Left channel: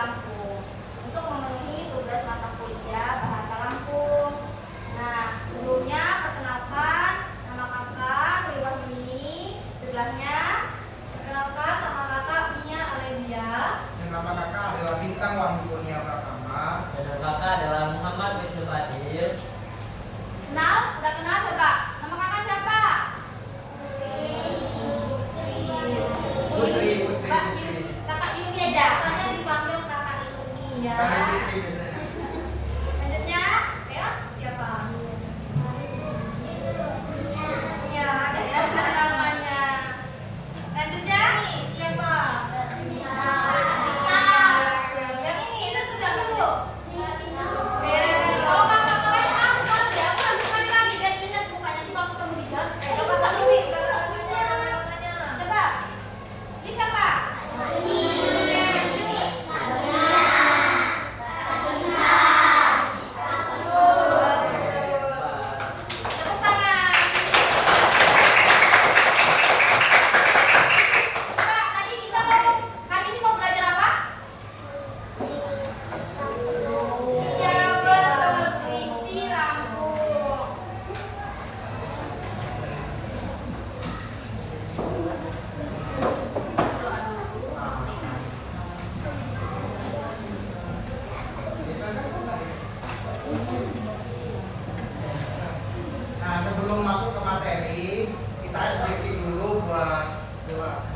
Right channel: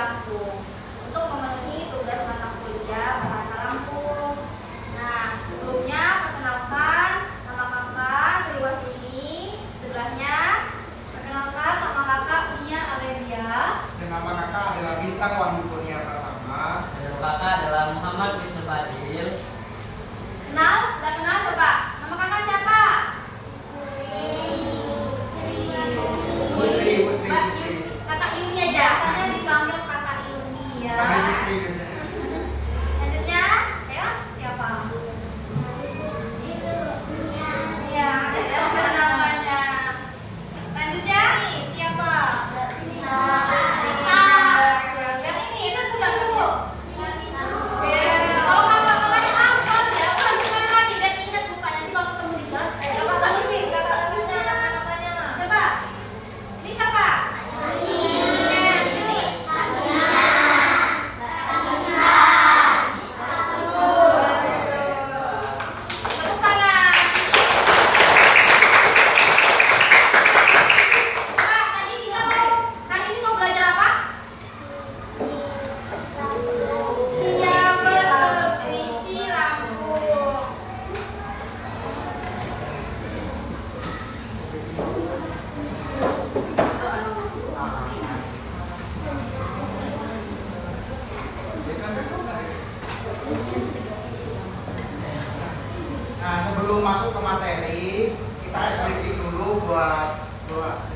Lampung untuk memenuhi tugas mata kuliah bahasa Lampung. Nah, sebelumnya perkenalkan nama kakak Sri Wahyuni. Sebelahnya perkenalkan nama kakak Mia Alesia. Nama kakak adalah Bintang Wahyu Kurnia Pratama. Dan nama kakak adalah Muhammad Wisnu Fadil. Kenal? Udah kenal coba? Nama kakak siapa? Busri. Kakak Yuni aja. Biasanya dipanggil kakak Yuni ya. Panggil Busri biasanya. Lanjutnya, ya siapa? Ya, ada ya namanya. Lanjutnya nih siapa? Yang ini itu sudah dulu. Kalau kakaknya apa? Jangan gimana lagi dan ingat mukanya sih kalau ketemu di jalan. Kakak Yuni, kakak namanya. Coba. Ini siapa? Nah, sebelum masuk ke materi, kita sedikit dulu buat doa.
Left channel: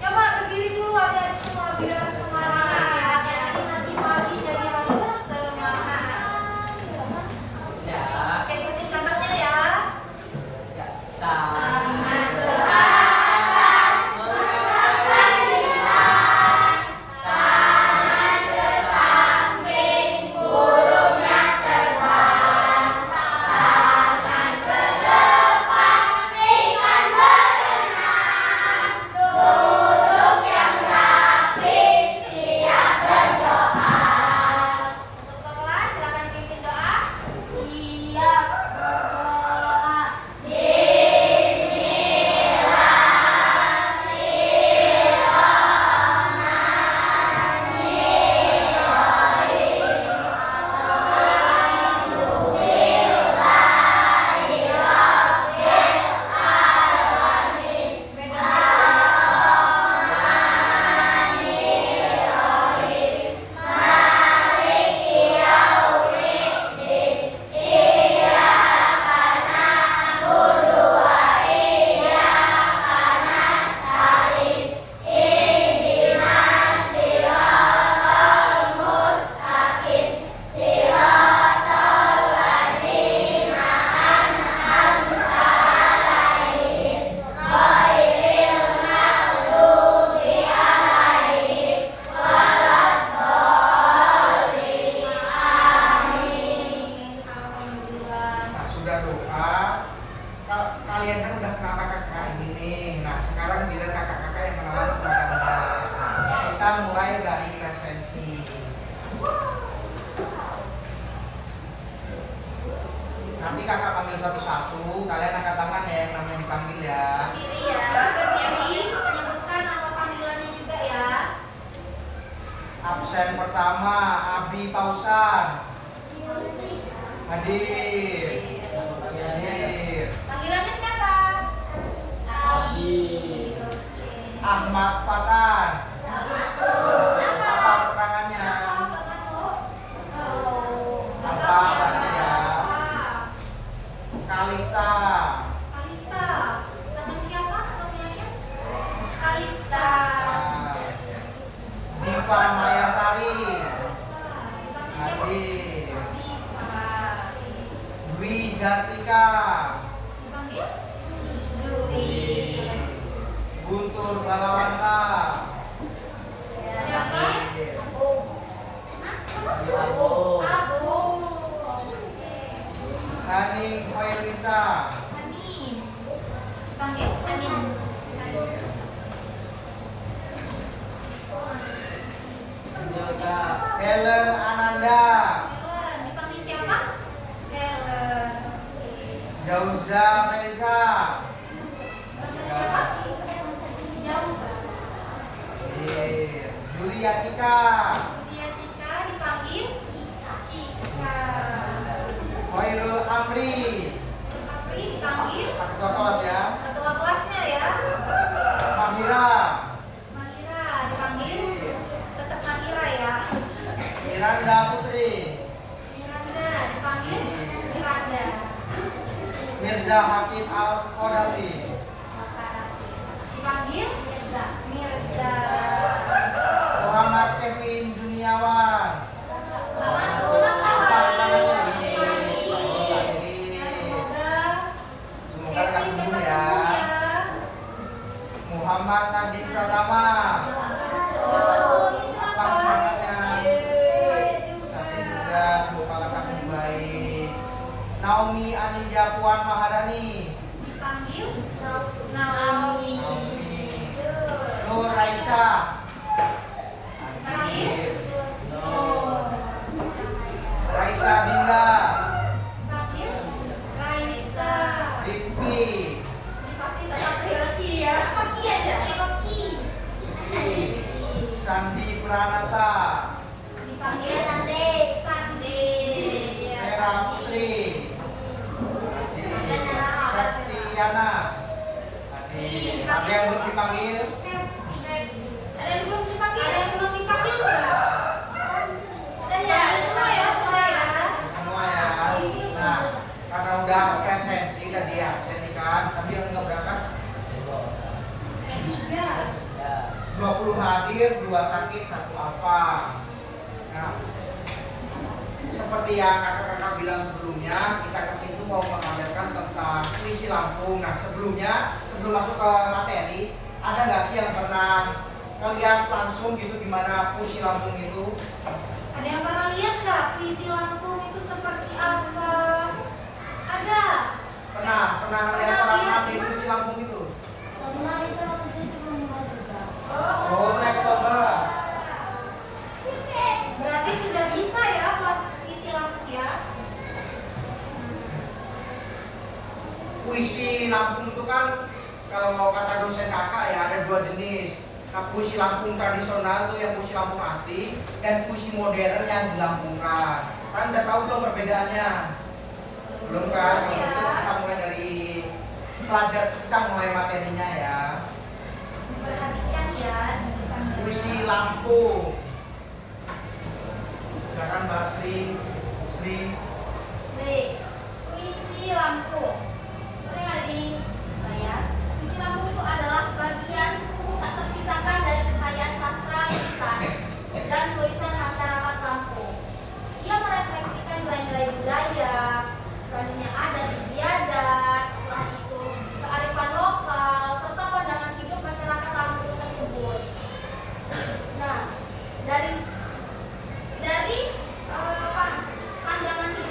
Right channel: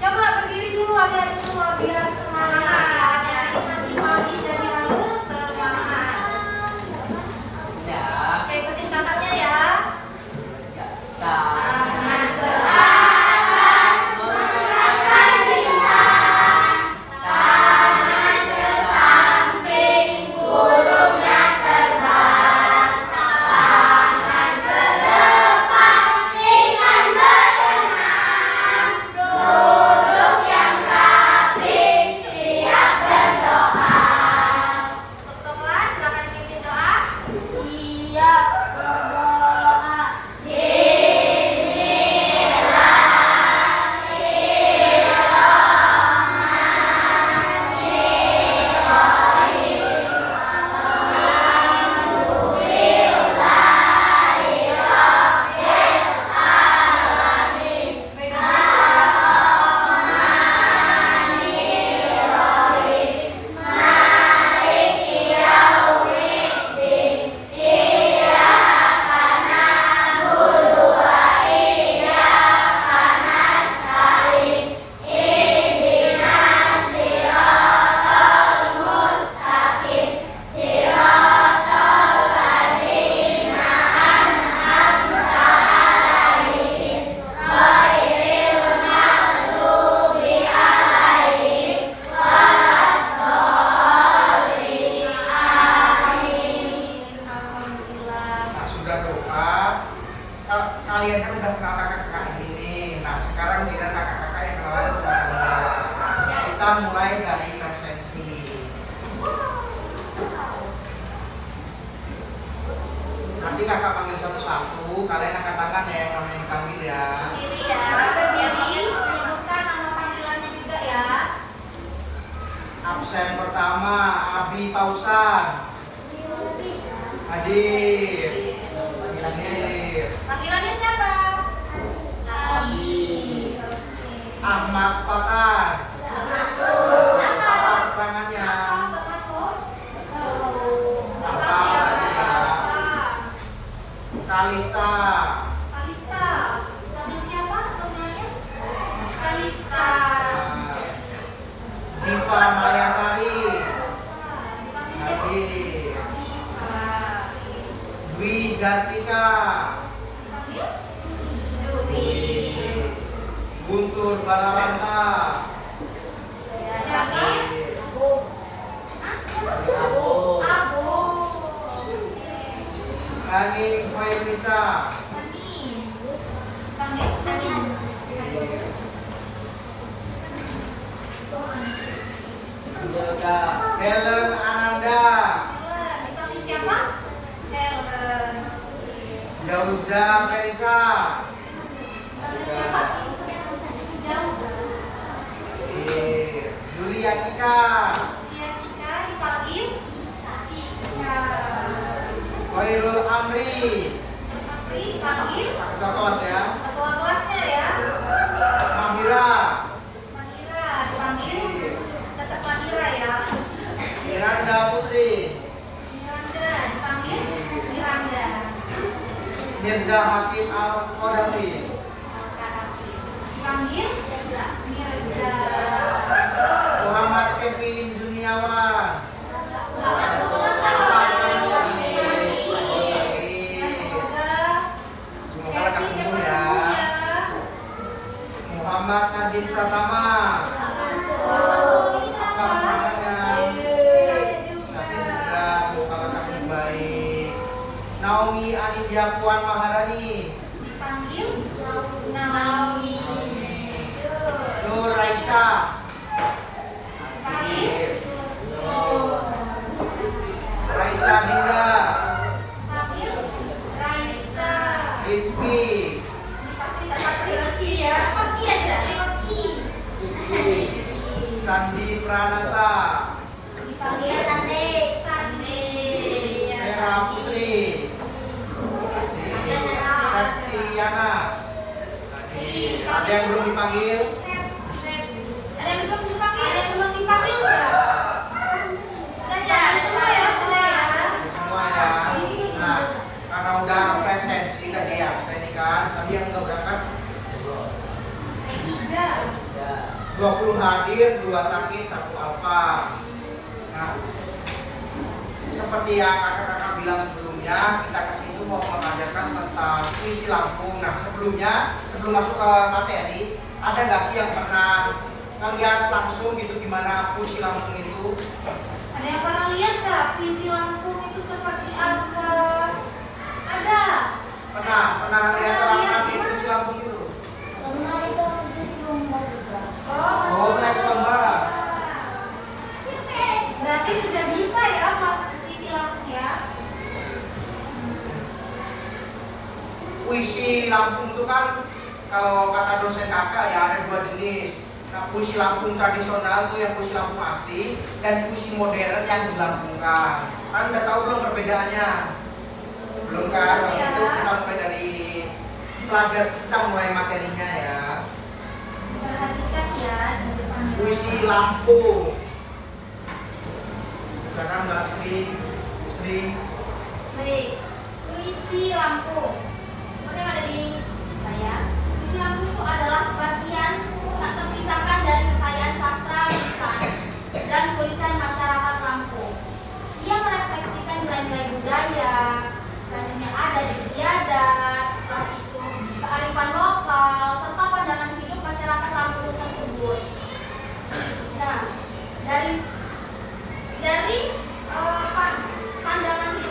Coba berdiri dulu aja semua biar semangat. Ini masih pagi jadi harus semangat. Ya. Oke, ikutin kakaknya ya. Tangan ke atas, mengangkat bintang. Tangan ke samping, burungnya terbang. Tangan ke depan, ikan berenang. Duduk yang rapi, siap berdoa. Untuk kelas, silakan dipimpin doa. Siap berdoa. Alhamdulillah. Nah, sudah doa. Kalian kan udah kenal kakak-kakak ini nih. Nah, sekarang giliran kakak-kakak yang kenalan sama kalian. Kita mulai dari presensi. Nanti kakak panggil satu-satu. Kalian angkat tangan ya yang namanya dipanggil ya. Berdiri ya, berdiri. Menyebutkan nama panggilannya juga ya. Absen pertama Abi Pausan. Hadir. Hadir. Panggilannya siapa? Abi. Ahmad Fatah. Apa keterangannya? Nggak masuk. Apa artinya? Kalista. Kalista. Panggil siapa panggilannya? Kalista. Diva Mayasari. Dipanggil siapa? Hadir. Diva. Dwi Zatika. Dipanggil? Dwi. Guntur Balawanta. Siapa? Abu. Hah? Abu. Abu. Hani Khairunisa. Amin. Panggil Amin. Andika. Helen Ananda. Helen, dipanggil siapa? Helen. Jauza Feliza. Dipanggil siapa? Jauh. Julia Cika. Dia Cika dipanggil Cika. Khairul Amri. Apri dipanggil Ketua kelas ya. ketua kelasnya ya. Mahira. Mahira dipanggil tetap Mahira ya. Miranda Putri. Miranda dipanggil Miranda. Mirza Hakim Al Qadafi. Dipanggil Mirza. Muhammad Kevin Juniawan. Semoga lekas sembuh ya. Muhammad Nadine Pratama. Apa semangatnya? Nadine juga semoga lekas baik. Naomi Anindya Puan Maharani. Dipanggil Naomi. Nur Raisa. Dipanggil Raisa Dinda. Dipanggil Raisa. Rifki. Ini pasti kata Rifki ya. Paki aja. Paki. Sandi Pranata. Dipanggil Sande. Sande. Sera Putri. Septiana. Ada yang belum dipanggil? Ada yang belum dipanggil? Ada yang belum dipanggil enggak? Dan ya, semua ya, semua ya. Semua ya. Nah, karena udah presensi tadi absen nih kan, tadi yang nggak berangkat 3. 20 hadir, 2 sakit, 1 alfa. Nah, seperti yang kakak-kakak bilang sebelumnya, kita kesini mau mengajarkan tentang puisi Lampung. Nah, sebelum masuk ke materi, ada nggak sih yang pernah ngeliat langsung gitu gimana puisi Lampung itu? Ada yang pernah lihat nggak puisi Lampung itu seperti apa? Ada. Pernah ngeliat orang ngerti puisi Lampung itu? Oh, naik ke lomba. Berarti sudah bisa ya Mas puisi Lampung ya? Puisi Lampung itu kan kalau kata dosen kakak ya ada 2 jenis. Nah, puisi Lampung tradisional tuh yang puisi Lampung asli dan puisi modern yang dilambungkan. Kan udah tahu belum perbedaannya? Belum kan? Kalau Ya. itu kita mulai dari pelajar, kita mulai materinya ya. Perhatikan ya. Puisi Lampung. Silakan Mbak Sri. Baik, puisi Lampung. Apa yang ada di saya? Puisi Lampung itu adalah bagian atau terpisahkan dari kekayaan sastra, lisan, dan tulisan masyarakat Lampung. Ia merefleksikan nilai-nilai budaya, yang ada di istiadat, setelah itu kearifan lokal, serta pandangan hidup masyarakat Lampung tersebut. Nah, dari pandangan hidup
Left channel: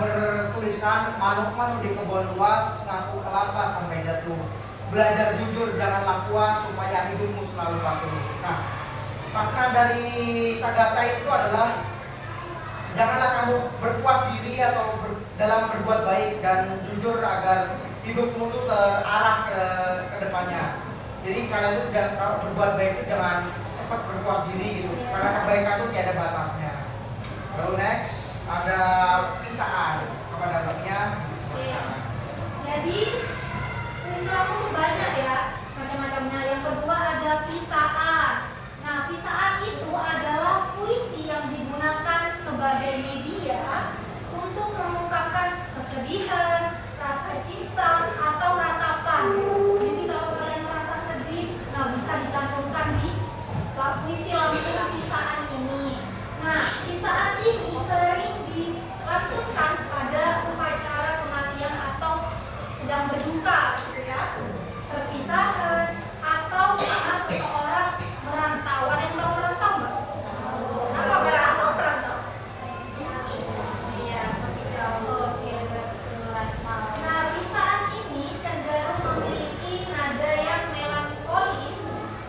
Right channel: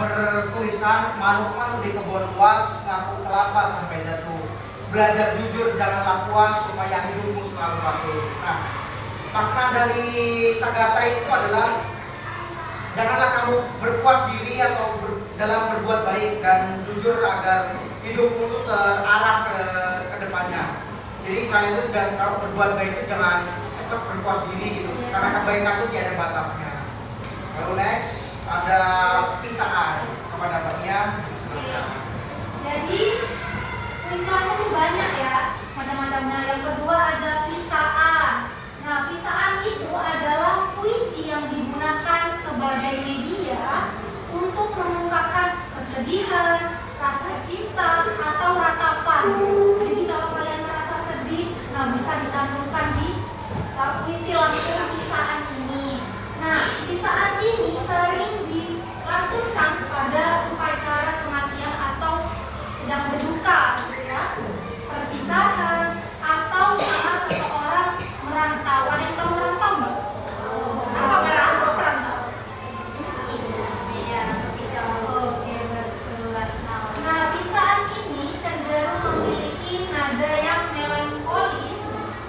bertuliskan manuk-manuk di kebun luas ngaku kelapa sampai jatuh. Belajar jujur janganlah puas supaya hidupmu selalu laku. Nah, makna dari Sagata itu adalah janganlah kamu berpuas diri atau dalam berbuat baik dan jujur agar hidupmu itu terarah ke depannya. Jadi kalian itu jangan, kalau berbuat baik itu jangan cepat berpuas diri gitu, karena kebaikan itu tiada batasnya. Lalu next ada pisaan kepada babnya. Jadi Islam itu banyak ya macam-macamnya. Yang kedua ada pisaan. Nah, pisaan itu adalah puisi yang digunakan sebagai media untuk mengungkapkan kesedihan, rasa cinta, atau ratapan. Jadi kalau kalian merasa sedih, nah bisa dicantumkan di puisi lampung pisaan ini. Nah, pisaan ini sering dilantunkan pada upacara kematian atau sedang berduka, gitu ya, perpisahan, atau saat seseorang merantau. Ada yang tahu merantau nggak? Apa merantau? Iya, oke, betul. Nah, pisaan ini cenderung memiliki nada yang melankolis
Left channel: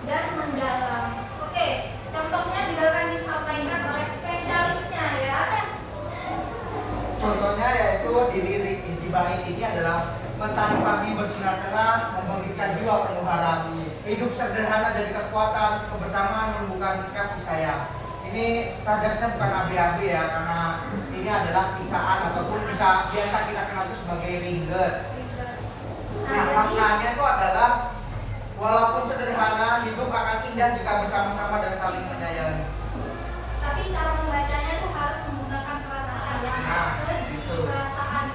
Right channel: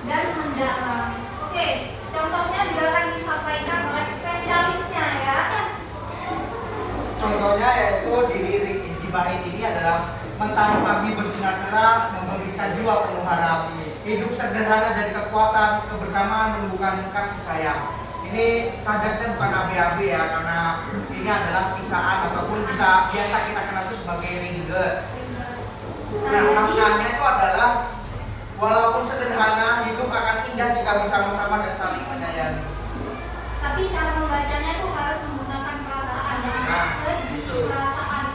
dan mendalam. Oke, contohnya juga akan disampaikan oleh spesialisnya ya. Contohnya yaitu di bait ini adalah mentari pagi bersinar cerah, membangkitkan jiwa penuh harap. Hidup sederhana jadi kekuatan, kebersamaan menumbuhkan kasih sayang. Ini sajaknya bukan AB-AB ya, karena ini adalah pisaan ataupun bisa biasa kita kenal itu sebagai ringlet. Nah, maknanya itu adalah walaupun sederhana, hidup akan indah jika bersama-sama dan saling menyayangi. Tapi cara membacanya itu harus menggunakan perasaan yang Nah, sedih, gitu. perasaan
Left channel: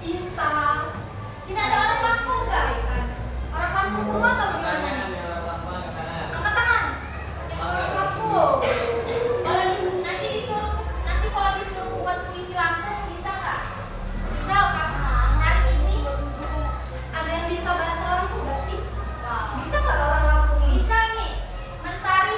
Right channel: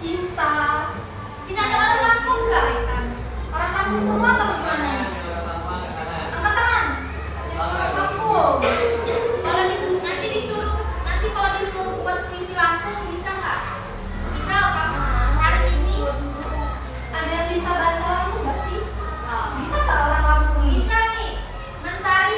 cinta. Sini ada orang Lampung nggak? Orang Lampung semua atau gimana nih? Angkat tangan. Lampung. Kalau nanti kalau disuruh buat puisi Lampung bisa nggak? Bisa Pak. Hari ini ada yang bisa bahasa Lampung nggak sih? Bisa nggak orang Lampung? Bisa nih. Mentari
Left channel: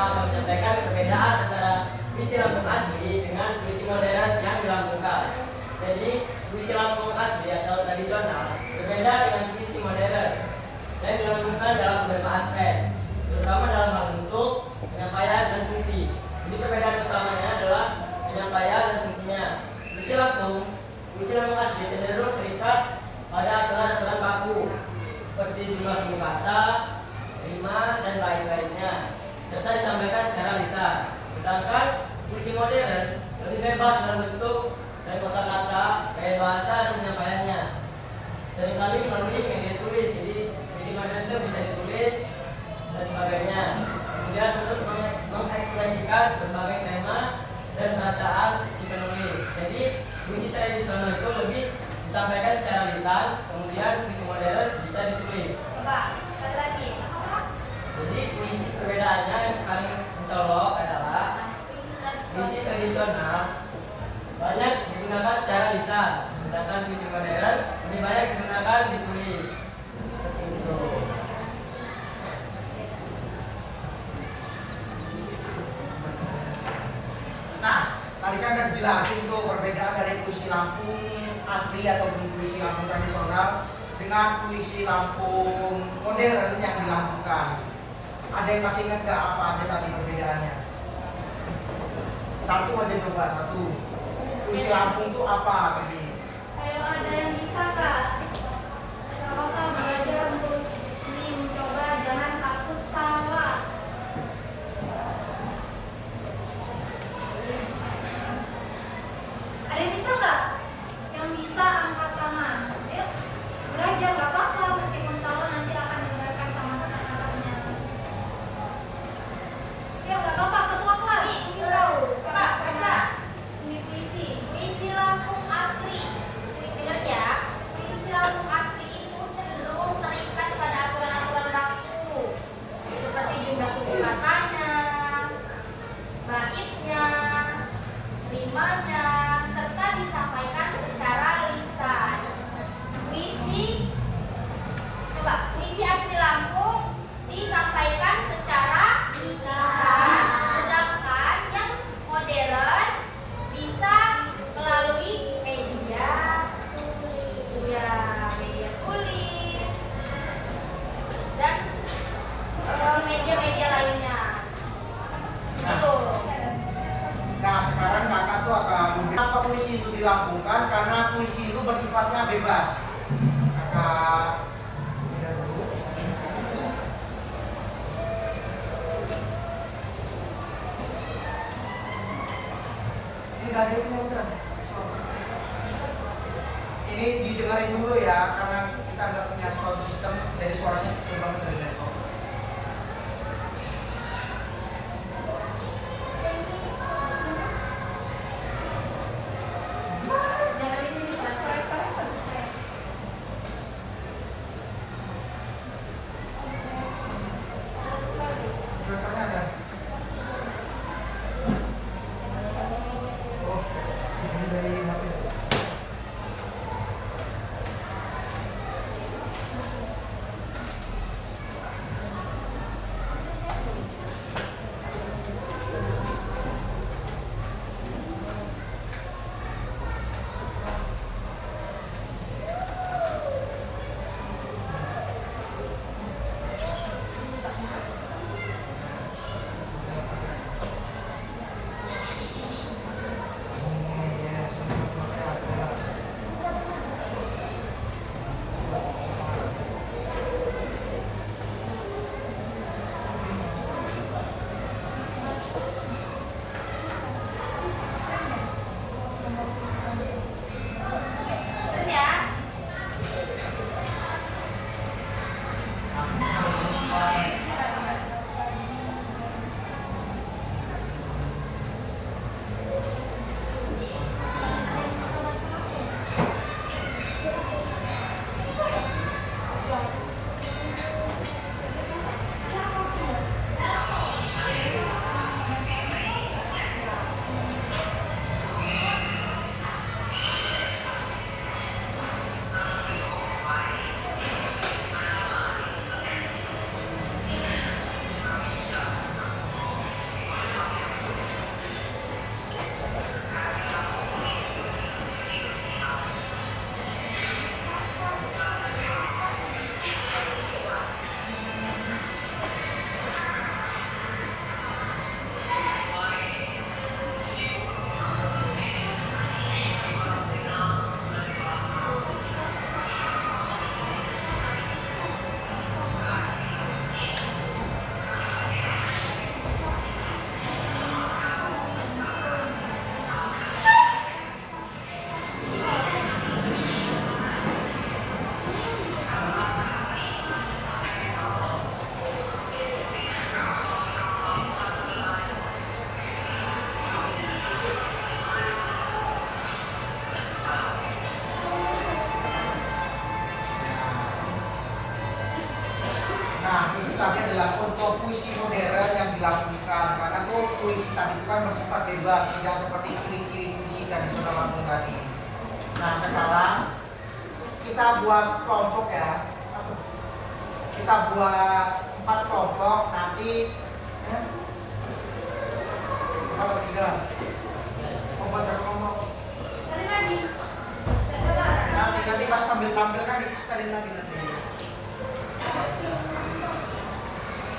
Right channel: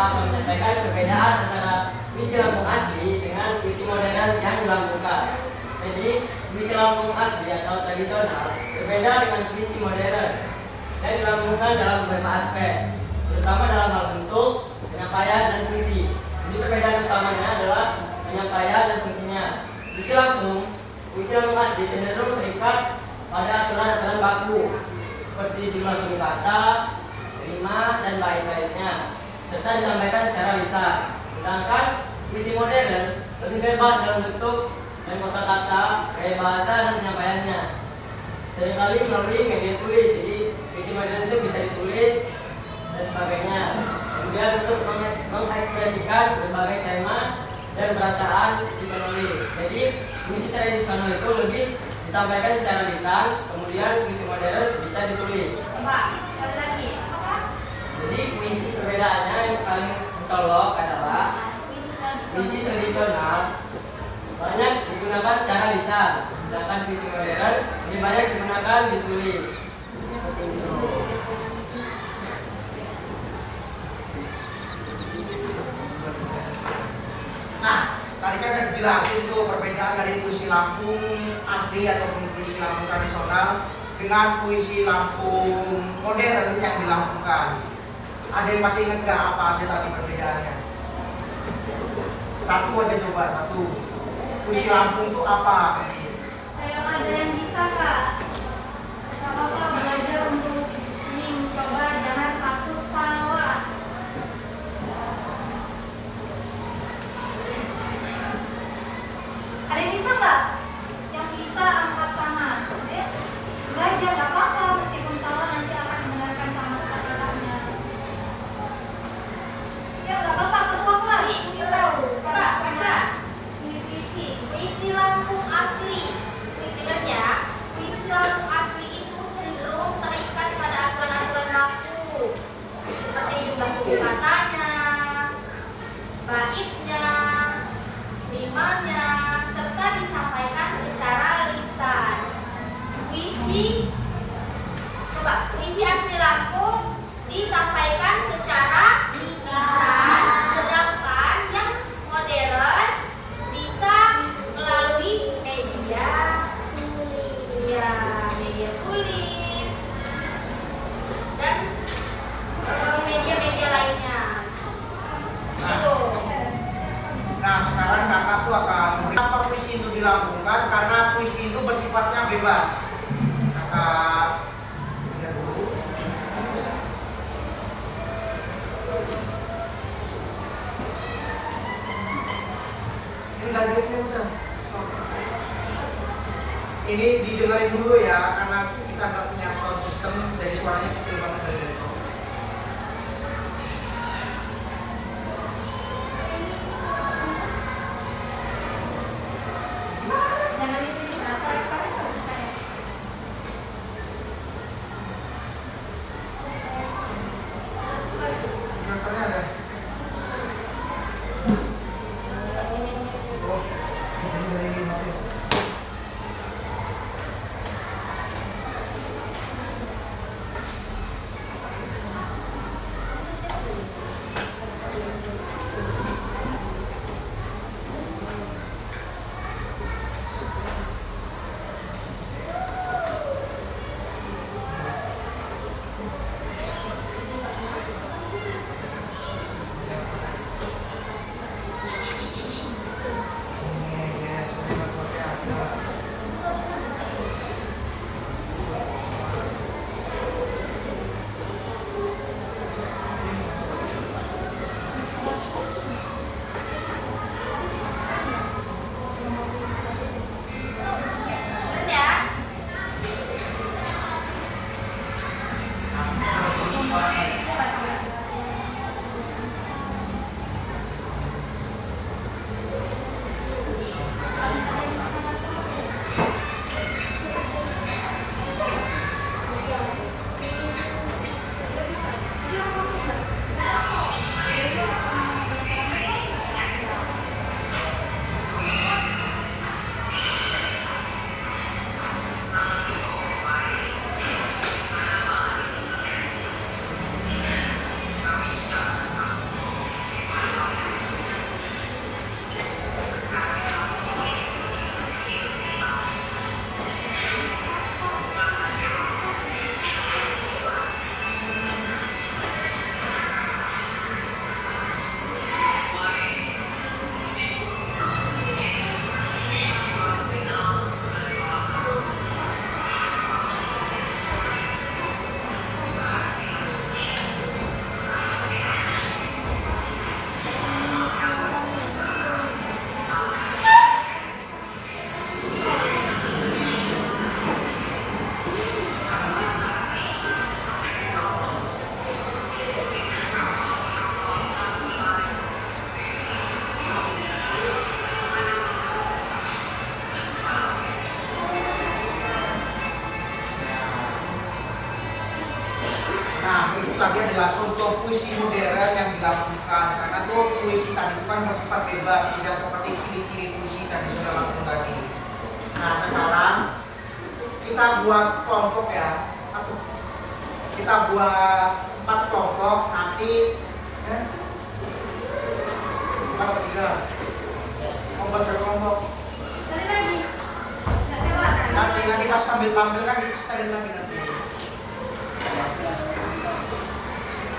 akan menyampaikan perbedaan antara puisi Lampung asli dengan puisi modern yang dilambungkan. Jadi, puisi Lampung asli atau tradisional berbeda dengan puisi modern yang dilambungkan dalam beberapa aspek, terutama dalam hal bentuk, penyampaian, dan fungsi. Jadi perbedaan utamanya adalah penyampaian dan fungsinya. Puisi Lampung asli cenderung terikat pada aturan-aturan baku seperti jumlah suku kata, rima, dan bait-baitnya, serta disampaikan secara lisan. Sedangkan puisi modern lebih bebas dalam bentuk dan kosakata, gaya bahasa, dan penyampaiannya. Seringkali melalui media tulis, jadi puisi modern itu bisa ditulis dan sebagainya. Kemudian untuk mengekspresikan berbagai tema dan perasaan si penulis. Jadi puisi tradisional itu lebih disampaikan secara lisan, kemudian puisi modern bisa ditulis. Coba sekali lagi. Apa? Jadi puisi perbedaannya yang paling mencolok adalah puisi tradisional banyak digunakan secara lisan, sedangkan puisi modern lebih banyak digunakan ditulis. Seperti itu. Nah, tadi kan udah dijelasin tuh perbedaan dari puisi Lampung asli ataupun puisi Lampung tradisional dengan puisi Lampung modern yang dilambungkan. Ada yang masih ingat gak apa aja tadi perbedaannya? Satu aja coba, satu. Puisi Lampung tuh apa tadi? Ayo ada yang bisa kak? Gak apa-apa belajar untuk ini mencoba, jangan takut salah. Ada yang bisa nggak? Yang bisa angkat tangan. Ayo belajar, gak apa-apa meskipun salah nanti akan dengarkan sama kata-katanya. Ayo gak apa-apa, ketua kelas. Kak, baca. Ini puisi Lampung asli. Dengar ya, puisi Lampung asli itu cenderung terikat pada aturan-aturan baku seperti jumlah suku katanya, baitnya, rimanya, serta disampaikan secara lisan. Puisi asli Lampung disampaikan secara lisan, sedangkan yang modern bisa melalui media tulis dan media-media lainnya. Itu. Nah, sekarang kakak tuh akan memberi apa puisi itu dilambungkan karena puisi itu bersifatnya bebas. Kakak lihat dulu. Ini nggak ada yang udah. Ini didengarin dulu ya, karena kita nggak punya sound system, jadi suaranya kecil banget dari laptop. Jangan di sini, korek-korek bisa ya. Contohnya ada. Oh, ini dari HP. tadi itu kan bersifat bebas, tidak seperti ciri-ciri puisi tradisional Lampung tadi. Nah sekarang kita buat kelompok ya. Kita buat 4 kelompok nanti. Apa tiga? Kelompok berkelompok. Sekali lagi. Coba. Nanti pas sambil tampil kan kita sekali lagi nanti.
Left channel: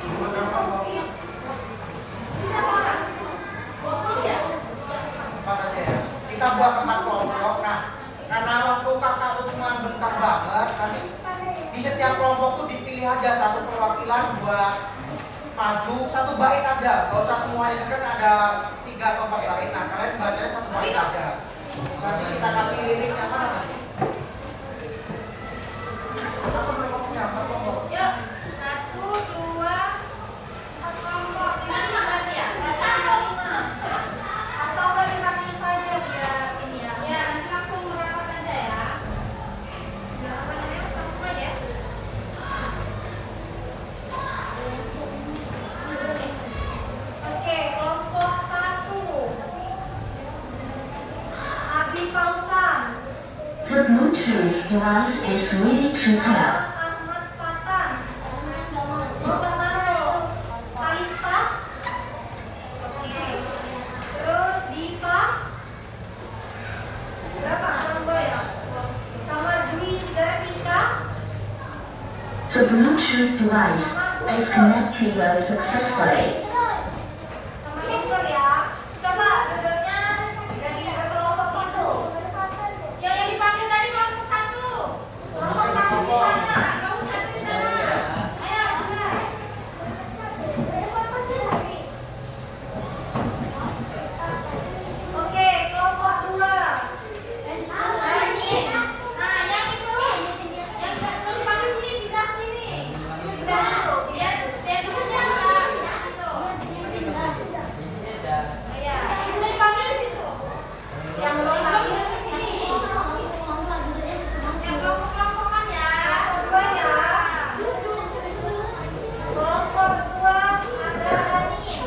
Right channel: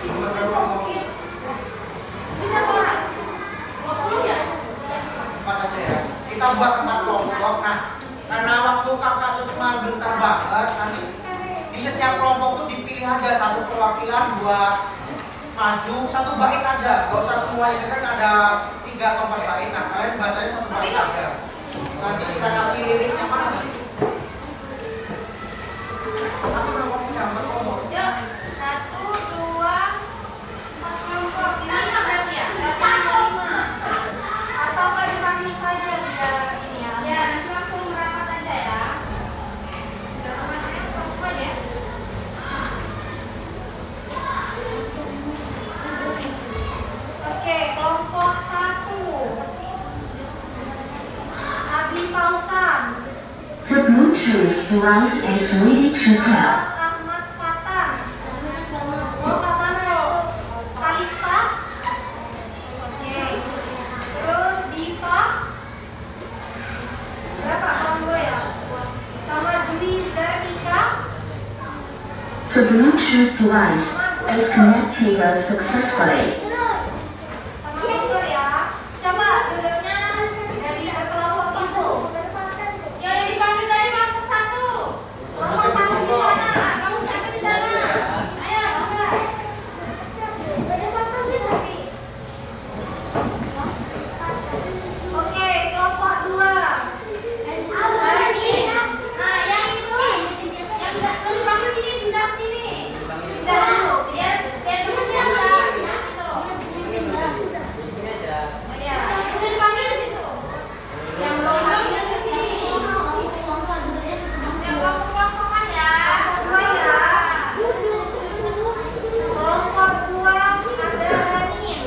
Berkelompok. Berapa orang? 20 ya? 4 aja ya. Kita buat 4 kelompok. Nah, karena waktu kakak tuh cuma bentar banget, nanti di setiap kelompok tuh dipilih aja satu perwakilan buat maju, satu bait aja. Gak usah semuanya, kan ada 3 atau 4 bait. Nah, kalian bacanya satu bait aja. Nanti kita kasih liriknya mana nanti? Atau kelompoknya, 4 kelompok. Yuk, 1, 2, 4 kelompok. Ini berarti ya? Atau enggak dibagi saja biar ini ya? Ya, nanti langsung merapat aja ya. Langsung aja ya. Oke, kelompok 1. Abi Pausan. 的拇指 Tuan and Willy Chupel. Ahmad Fatan. Oh, masuk. Kalista. Oke. Terus Diva. Berapa? Combo ya? Sama Dwi Zernika. The Bluetooth device is connected successfully. Sama Google ya. Coba duduknya dari berkelompok itu. Yang dipanggil tadi kelompok 1. Kelompok 1 di sana. Kelompok 1 di sana. Ayo, coba. Oke, kelompok 2. Nah, yang itu yang belum dipanggil sini, pindah sini. Pindah dulu, biar teman bisa itu. Di sini aja. Oh iya, yang sudah dipanggil di situ. Yang belum dipanggil ke sini. Yang kelompok-kelompokan ya. Kelompok 2 ada Ranin.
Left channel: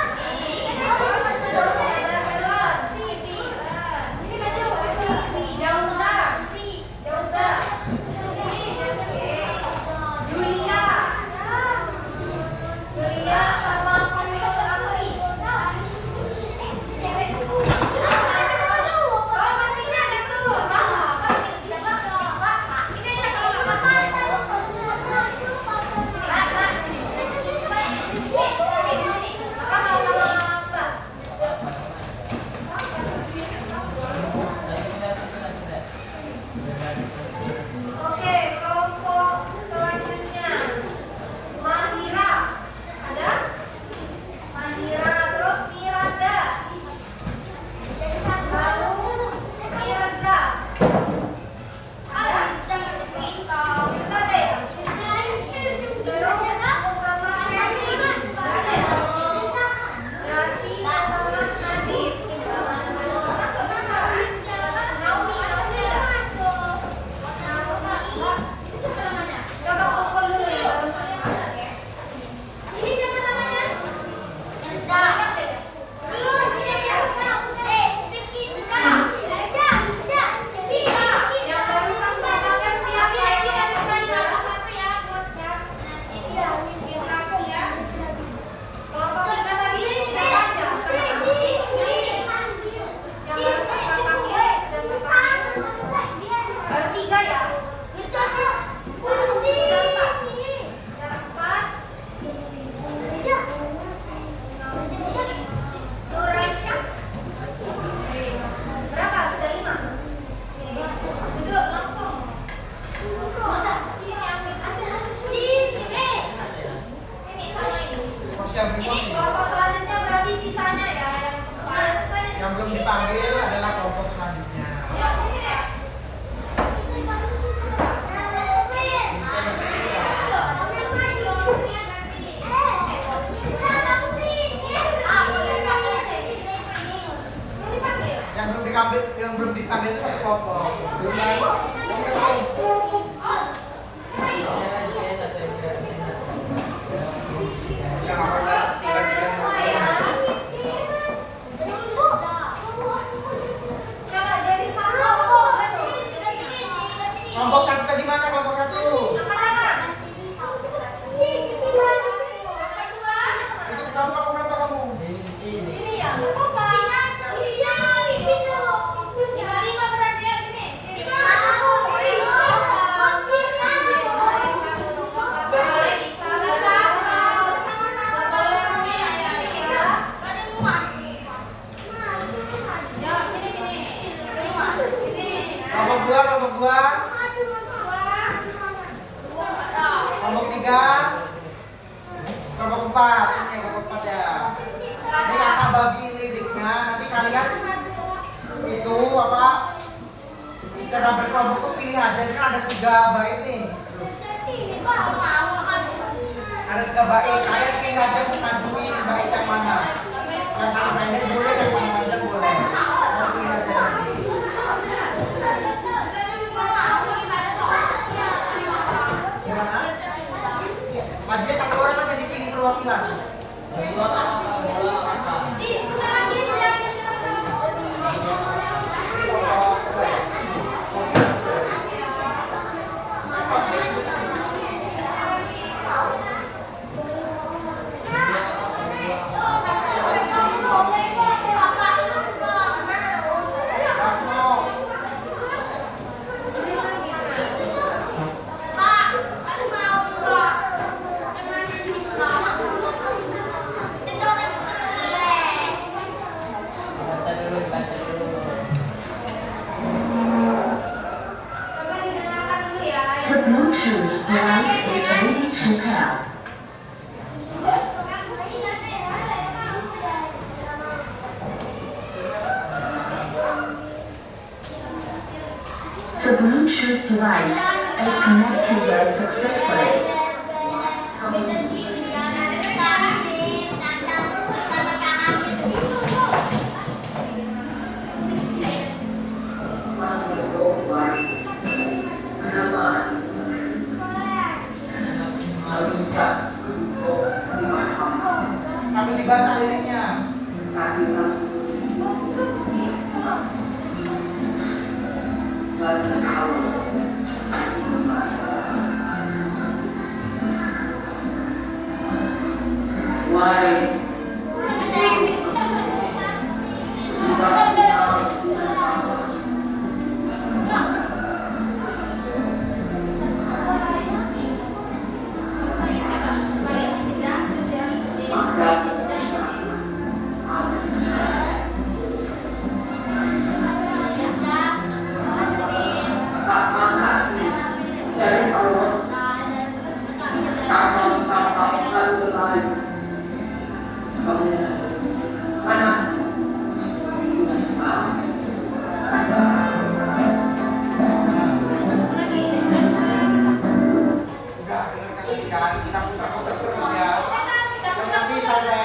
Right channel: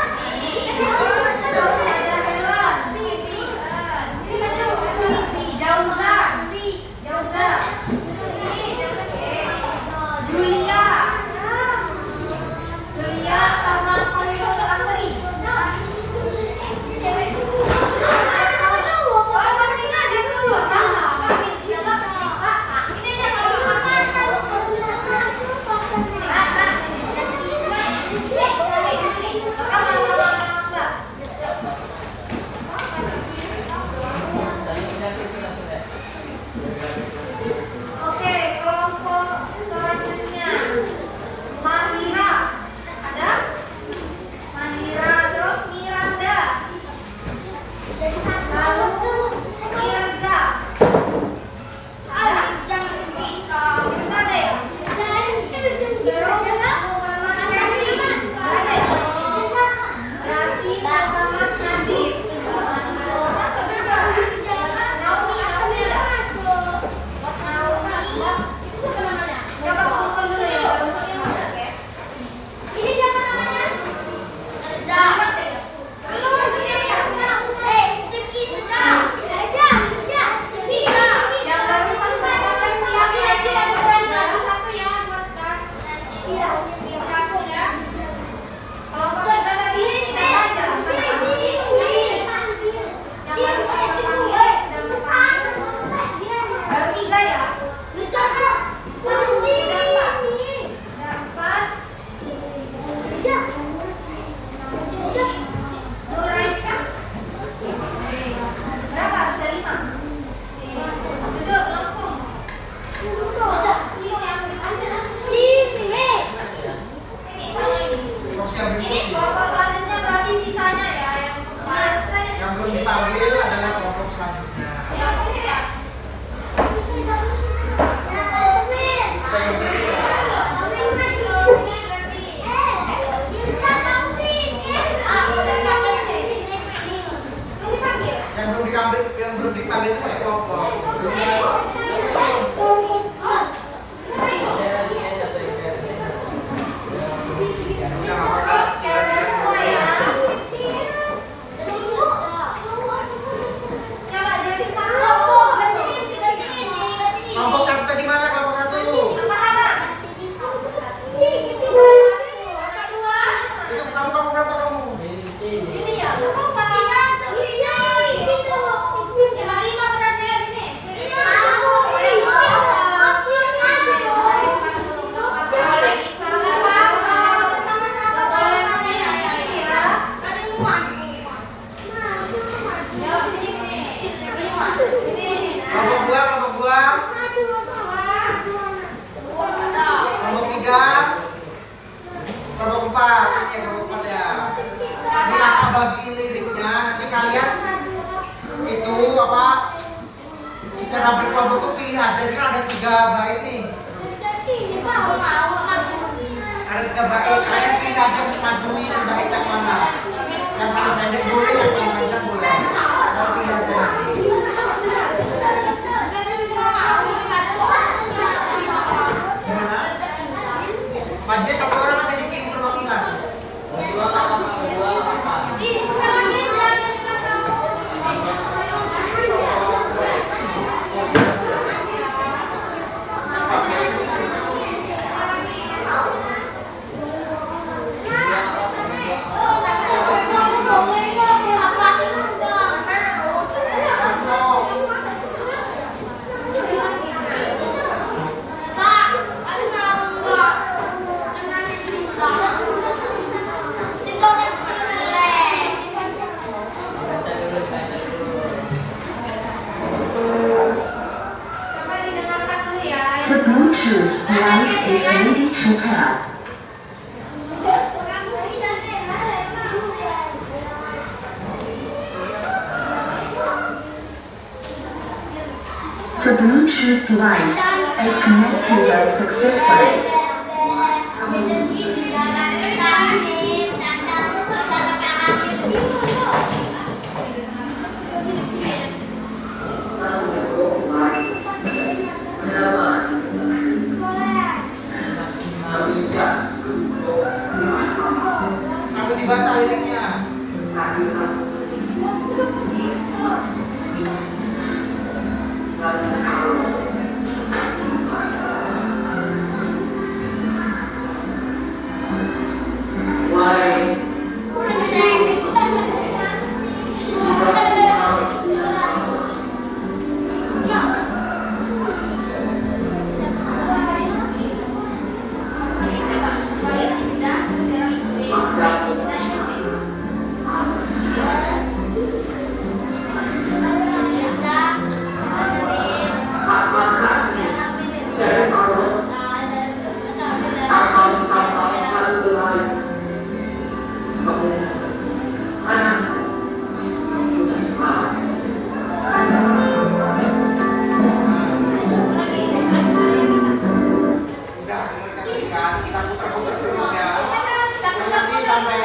Ada Helan. Jauza. Julia sama Amri. Oh, masih ada tuh. Ini aja kalau Tadi pindah ke sana sudah. Oke, kelompok selanjutnya Mahira. Ada? Mahira, terus Miranda. Lalu Mirza. Ada? Mirza deh. Terus Muhammad Nafi. Ada ya? Berarti Muhammad Najib. Masuk juga. Naomi ada? Coba kumpul dulu ya baru saya masak ya. Ini siapa namanya? Dapat ya? Belum dia ya. Yang baru sampai makan siap lagi ada orang baru satu ya buat gas. Iya, di kampung ya. Kelompok kita lagi saya aja. Yang baru sampai panggil sudah terpanggil. Baru 3 ya. Nuraisha. Berapa? Sudah 5. Duduk langsung. Ini sama ini. Terus yang Ini berikutnya, kelompok selanjutnya berarti sisanya ya yang belum dipanggil adalah kelompok selanjutnya. ya sini ya. Yang belum dipanggil itu satu kelompok. Belum lagi. Saya lagi satu Udah nggak apa-apa. Tiga-tiga semua ya. Kelompok 2. Kelompok 3. Kelompok 4. Ini kelompok 4 ya. Ini kakak bagi liriknya. Nanti kalian itu apa? Secara berkelompok tuh pilih aja. Ini kan ada 3 bait nih. Ada 3 bait. Kalian pilih aja untuk ngajuni bait yang mana. Yang paling pendek boleh, yang paling panjang boleh. Mau pilih aja nanti. Gimana? Majunya 1 orang akan dipilih perwakilan. Berdua apa? The Bluetooth device is ready to pair. The Bluetooth device is connected successfully. Aku dibaca liriknya. Udah, kita putar-putar terus ya. Nanti sampai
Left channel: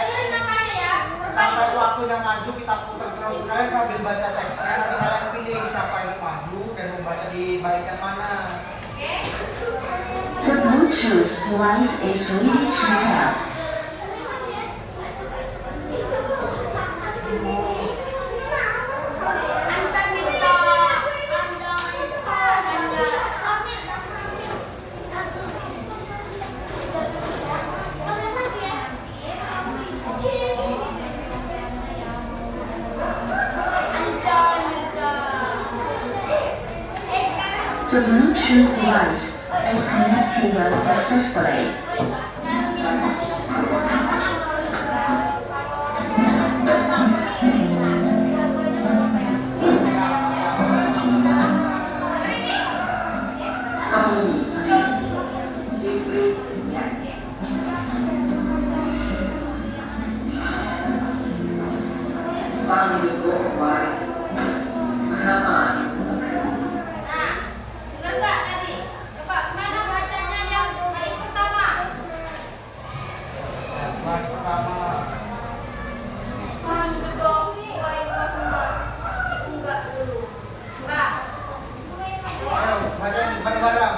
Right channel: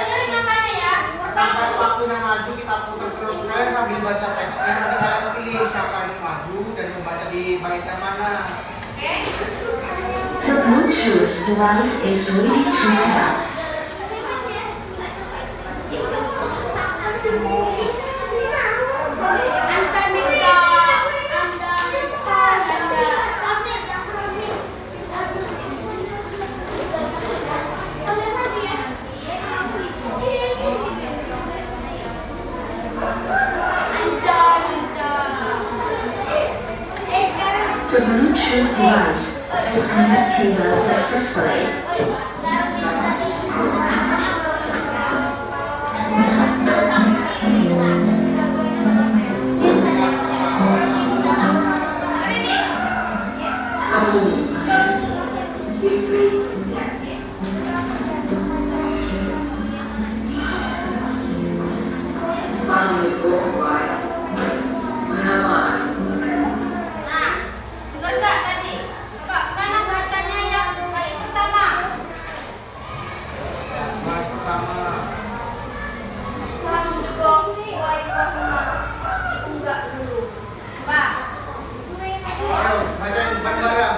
waktunya maju kita putar terus. Kalian sambil baca teksnya, nanti kalian pilih siapa yang maju dan membaca di bait yang mana. The Bluetooth device is ready to pair. The Bluetooth device is connected successfully. Bait pertama. Ayo, bacain bareng-bareng.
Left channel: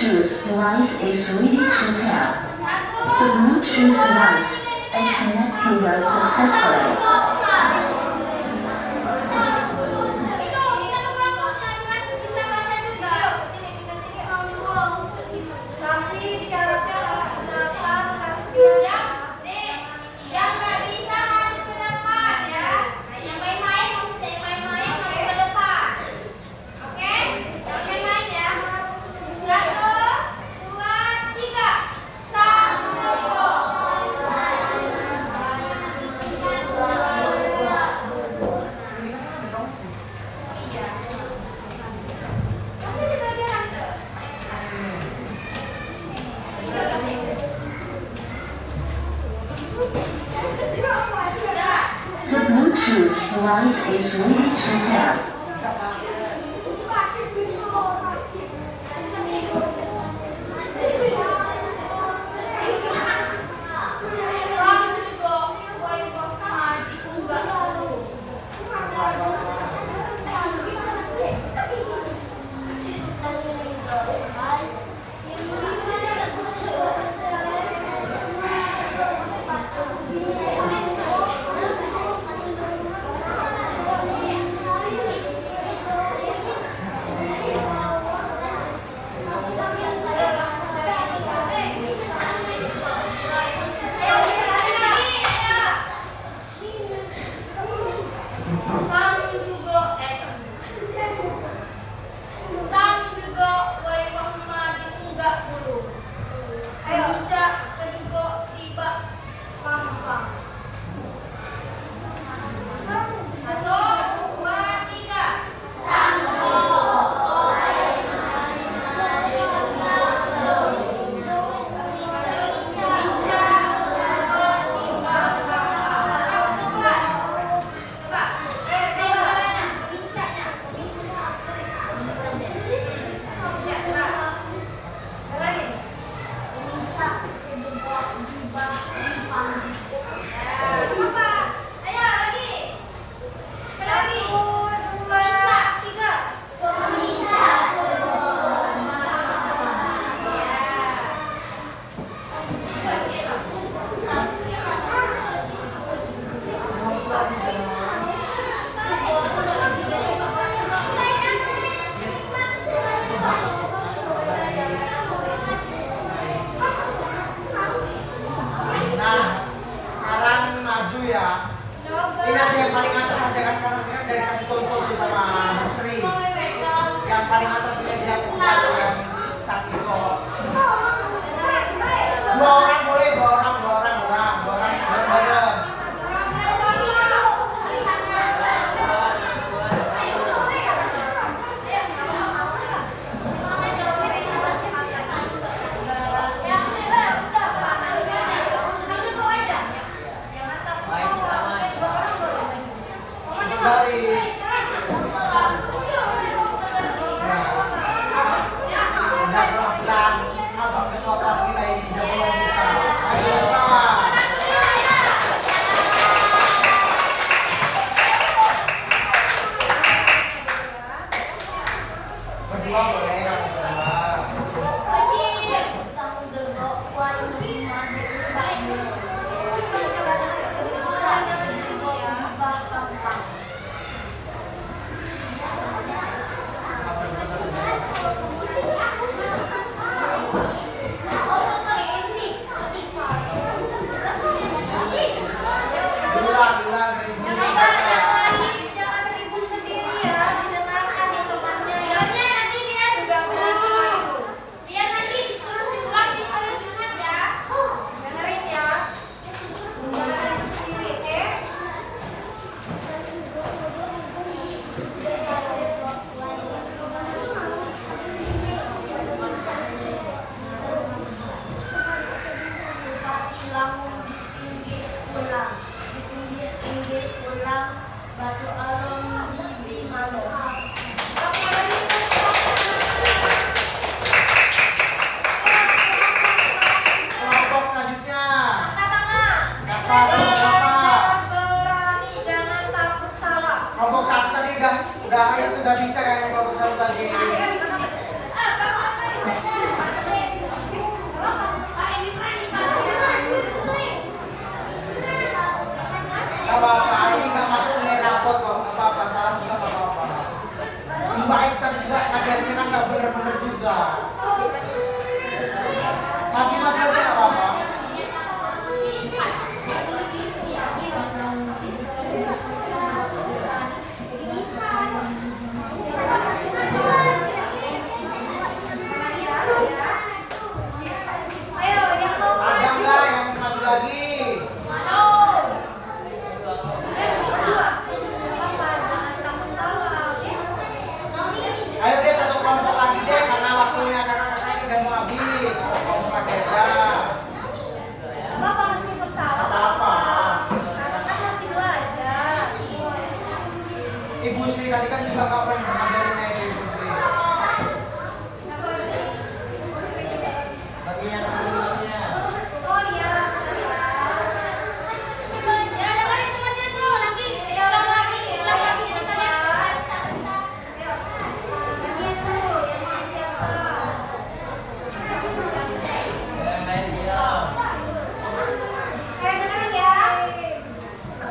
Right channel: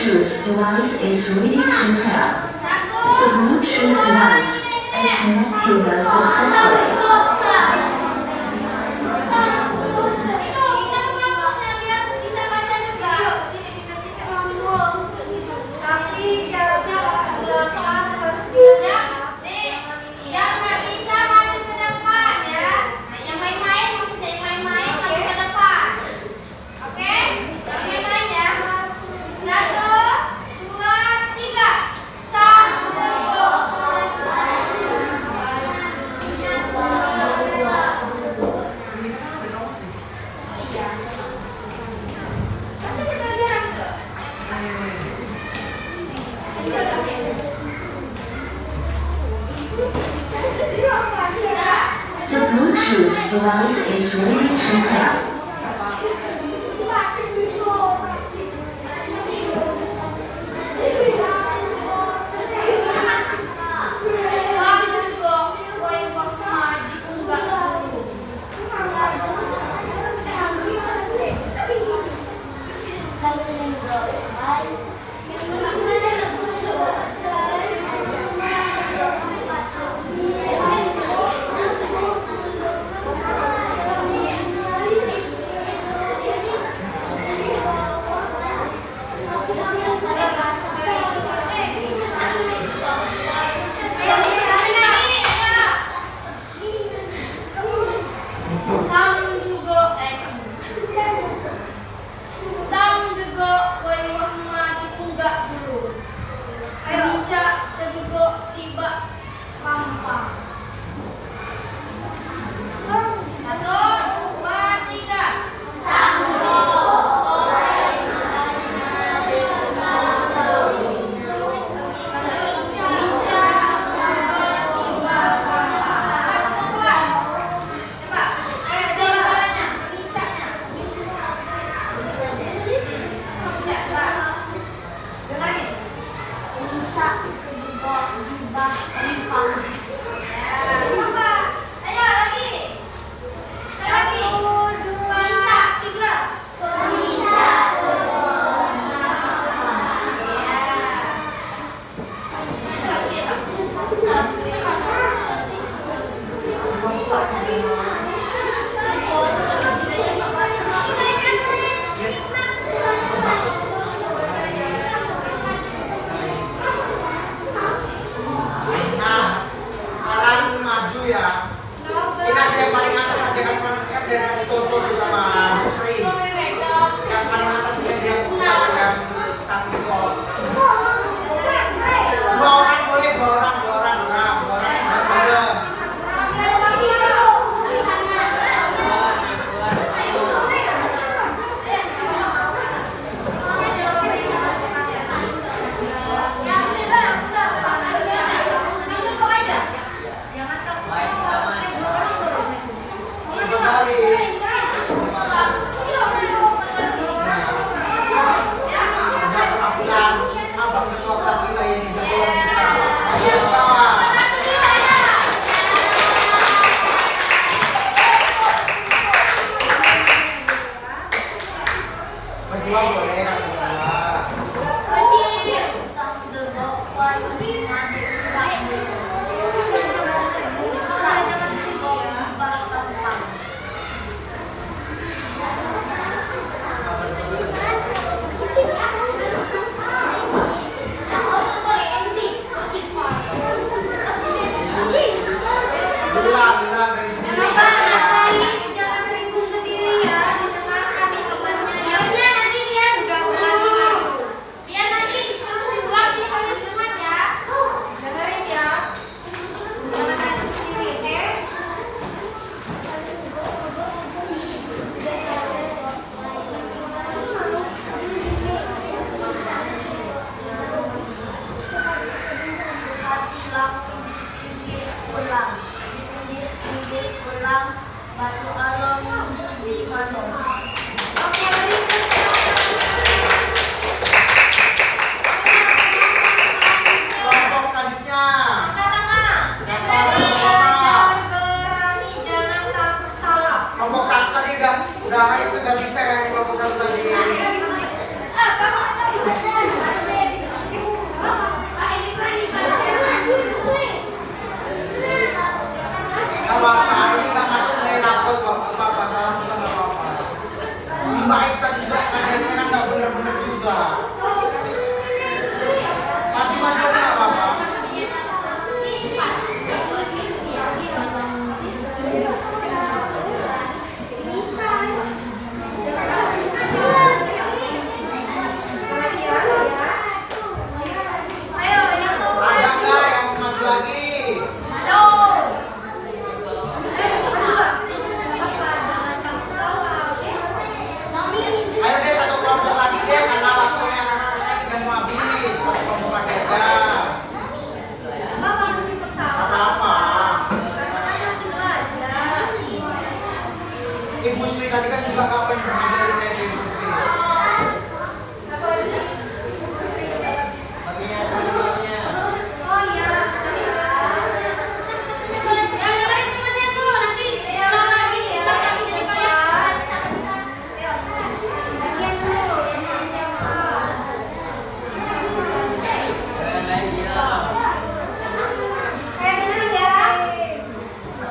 Bluetooth device is ready to pair. The Bluetooth device is connected successfully. The Bluetooth device is ready to pair. Ini aja yang paling atas aja kan dari kasih contoh tuh sama Musri. Yang paling atas ini yang sakit kok. Dua orang boleh, dua orang. Berdua boleh, yang Jangan ribut sendiri ya, didengarkan nih temannya. Nanti dia sudah mulai ngajarnya kan nggak bener-bener juga. Maju-maju aja nggak apa-apa. Ayo, yang mau Ada nggak yang maju lagi? Ayo deh satu kelompok lagi deh karena waktunya kakak-kakak udah mau habis. Satu kelompok lagi aja. Bapak masih bersama. Apa-apa. Kakak kan masih belajar. Ibu Sri tadi kan juga kapan ngajarin kayak Ibu Sri. Baginya semuanya. Oh iya. Yang dengerin temannya tuh nanti ulang lagi jadi kalian. Lagian tuh yang siapa? Yang lain dia. Kayak dengerin ya.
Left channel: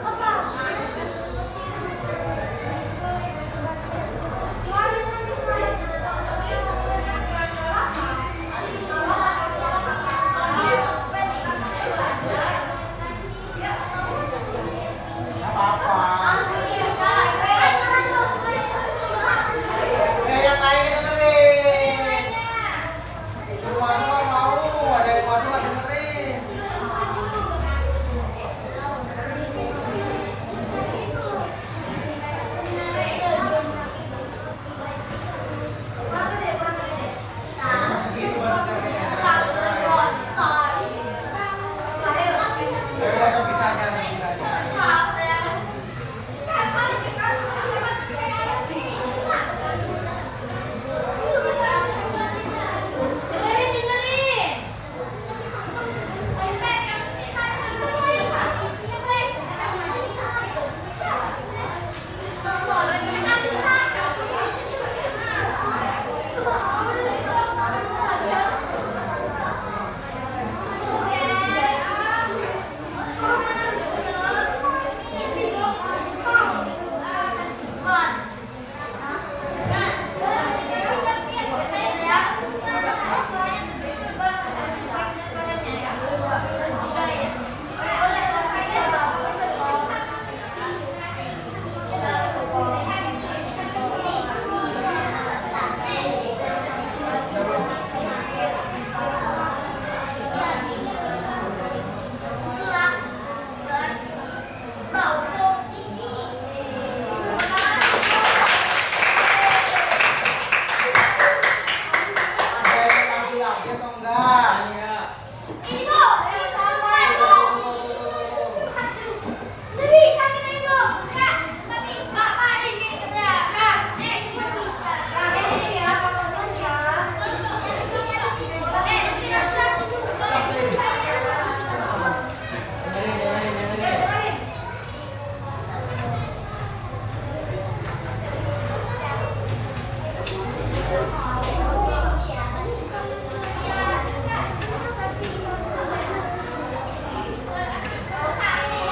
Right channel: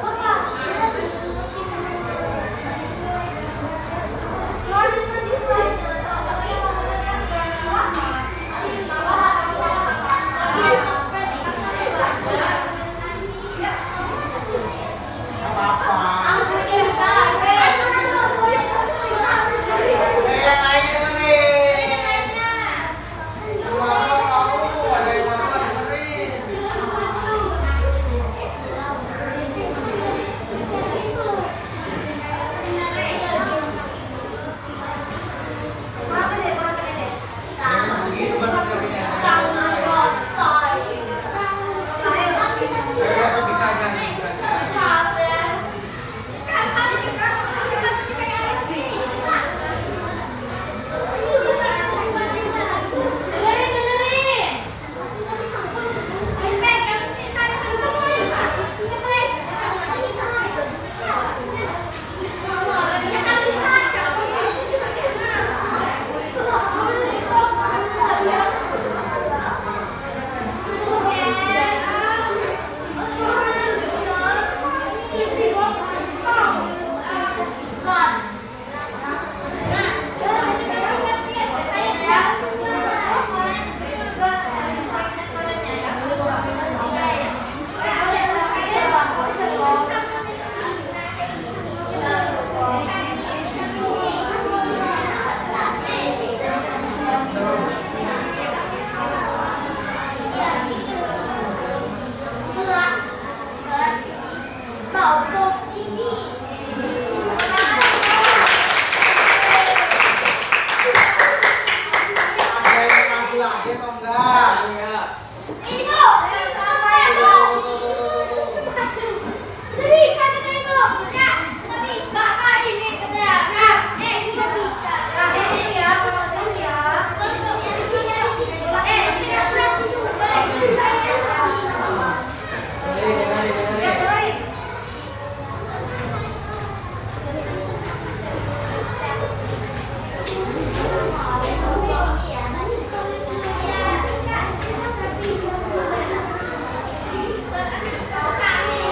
Apa? Apa-apa. Yang lain dengerin. Semua orang mau ada yang mau nggak dengerin. Segitu batasnya. Biasa bisa aja. Ada yang maju lagi atau enggak? Iya. Dengerin. Kelompok lagi,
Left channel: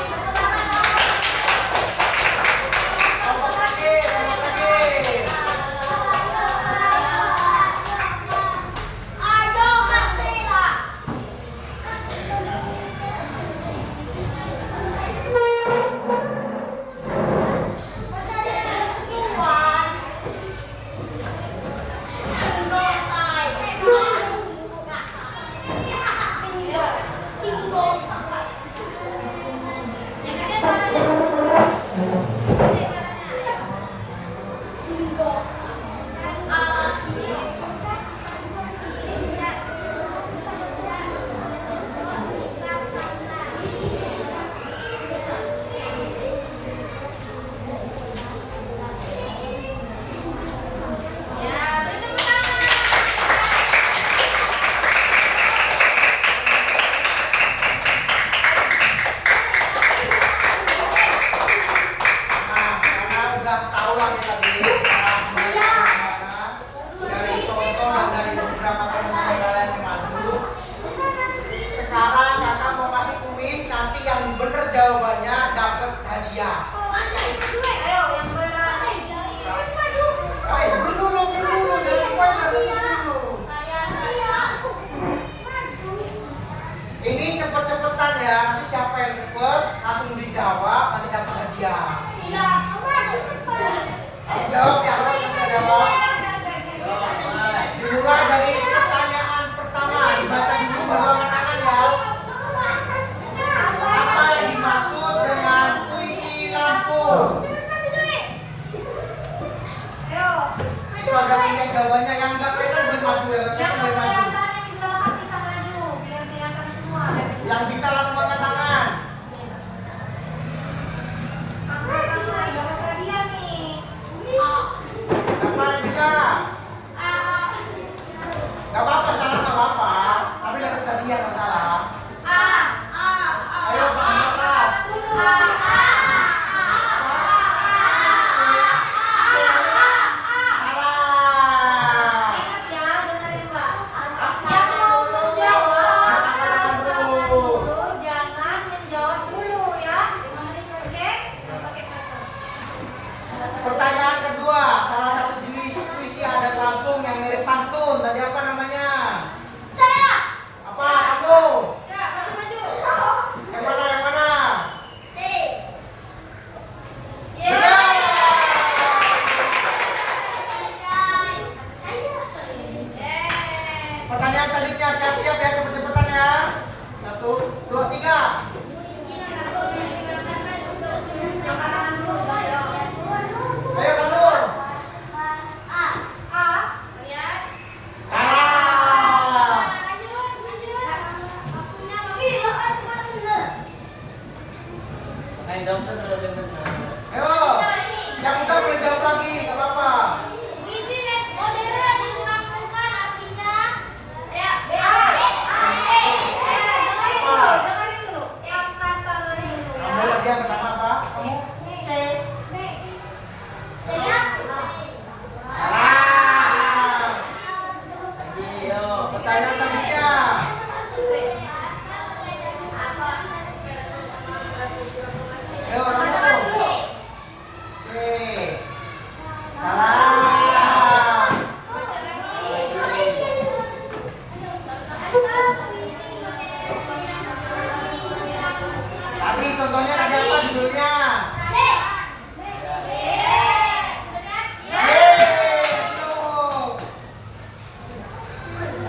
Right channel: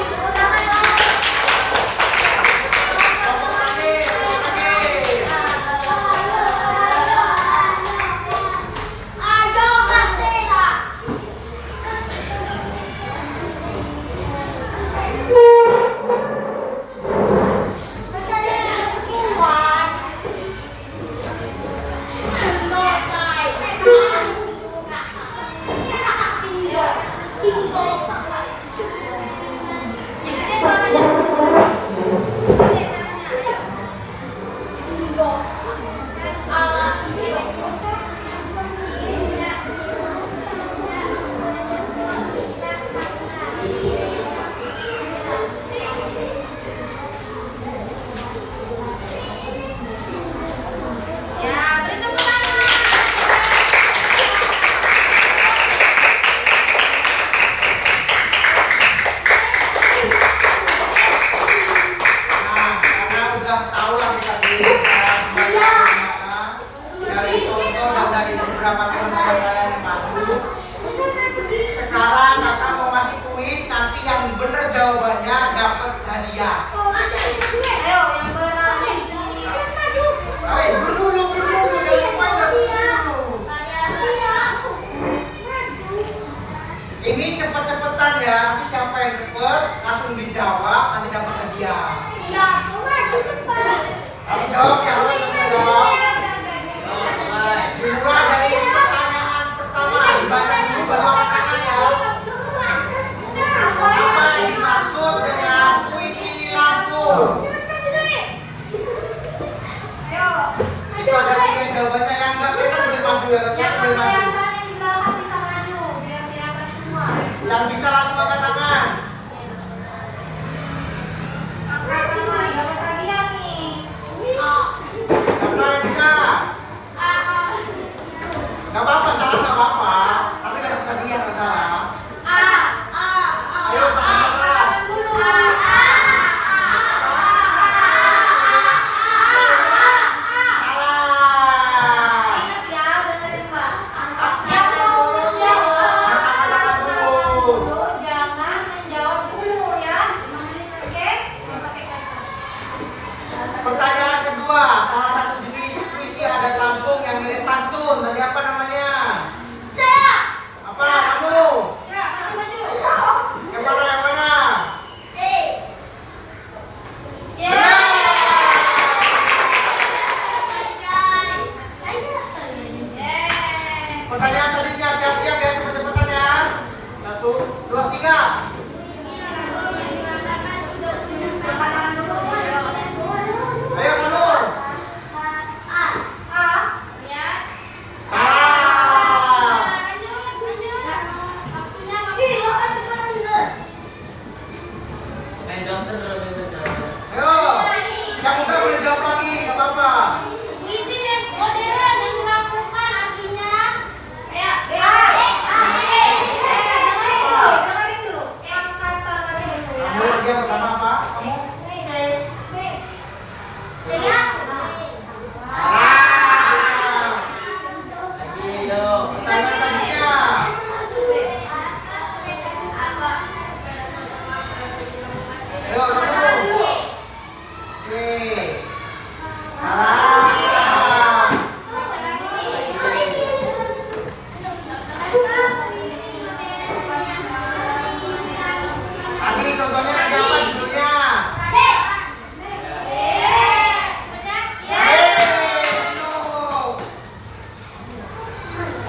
kelompok lagi. Ya, beri tepuk tangan. Nah, karena udah tahu lah kita tadi cara membaca gimana, dari contoh dan dari beberapa teman-teman kalian yang maju. Sekarang kakak mau kasih kuis, nanti yang bener jawabannya dapat hadiah. Ayo, yang berani. Ayo, dulu. jawab nanti dapat hadiah. Siap, maju cepat. Kamu jawab ya, harus kamu jawab. Dimulai dari pertanyaan pertama, dibaca dulu baru angkat tangan ya. Apa yang dimaksud dengan puisi lampu? Ayo. Itu ada tiga jawabannya, yang enggak kelihatan boleh maju ya, Yang yang boleh maju. kelihatan yang di belakang bisa maju, biar kelihatan semua. Yang bisa langsung angkat tangan. Angkat tangan, dapat hadiah nih. Siapa yang bisa? Gak apa-apa, salah gak apa-apa. Tapi gak dapat hadiah, gak salah. Ayo, pasang kelas. Salah. Ingat ya, dengerin Mbak. Yang mau menjawab, dulu, jangan menjawab dulu ya. 5 menit, oke? Pakai kata. Pertanyaan kedua, salah satu jenis puisi adat Lampung yang mirip pantun. Tadi apa namanya? Saya. Apa kamu? Ya, maju. Yang mana? Yang mana? Ya. Benar. Pertanyaan selanjutnya, siap-siap ya, cepet-cepetan ya. 1, 2, 3. Ayo kamu. Salah. Main dokter dulu dengan Ayo. Yang muda boleh jawab lagi, nggak apa-apa. Kamu lagi yang pertama apa? Kamu? Salah. lagi, yuk. Pertanyaan selanjutnya. Ayo kamu. Salah. Tadi contohnya tadi apa judulnya? No.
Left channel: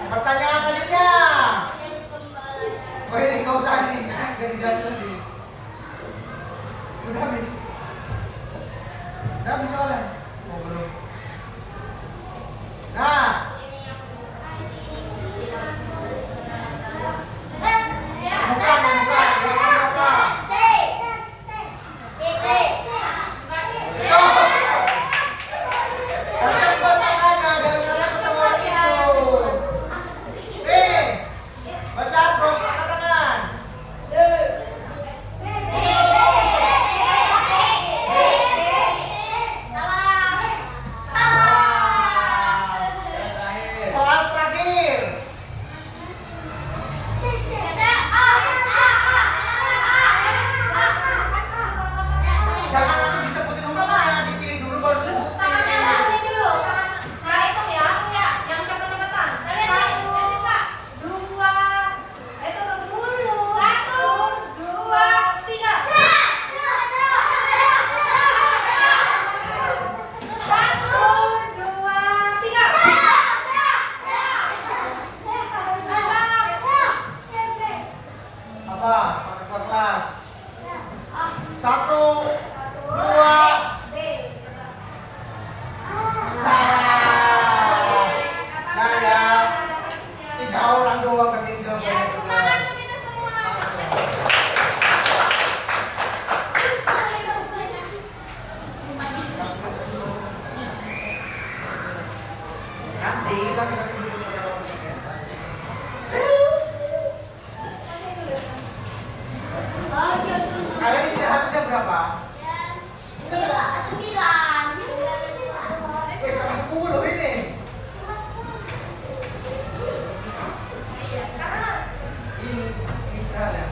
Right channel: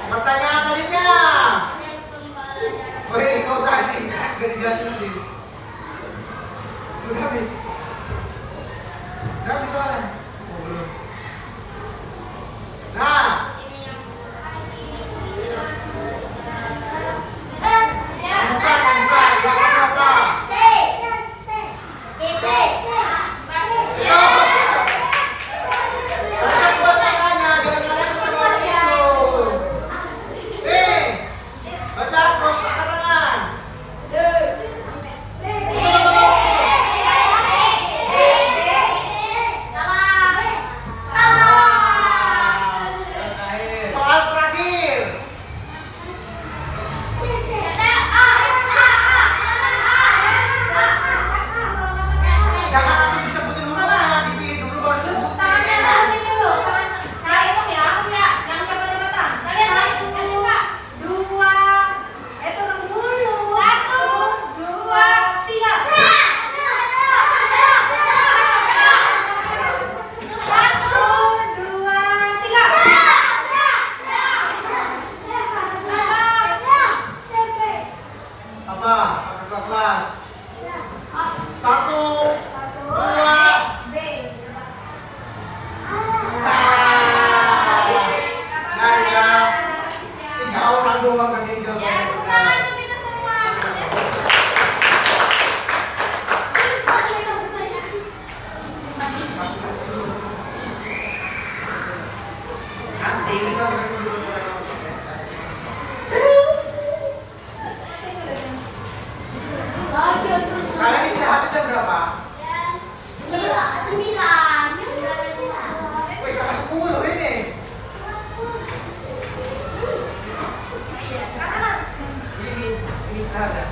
Pertanyaan selanjutnya. Woi, kau usah ini, gak dijelasin dulu. Udah habis. Udah habis soalnya. Oh, belum. Nah, bukan, yang apa? Baca buat tangannya, jangan kalian percuma itu. Baca terus angkat tangan. Yang terakhir. Soal terakhir. Jangan langsung disebutin hurufnya, dipilih dulu baru disebutin. Apa? Kakak kelas. 1, 2, salah. Nah ya, 3 orang doang kan yang jawabnya benar. Nanti kita akan dulu Kalian istirahat jam berapa? Wih, sama 10 ini. Ini istirahat ya.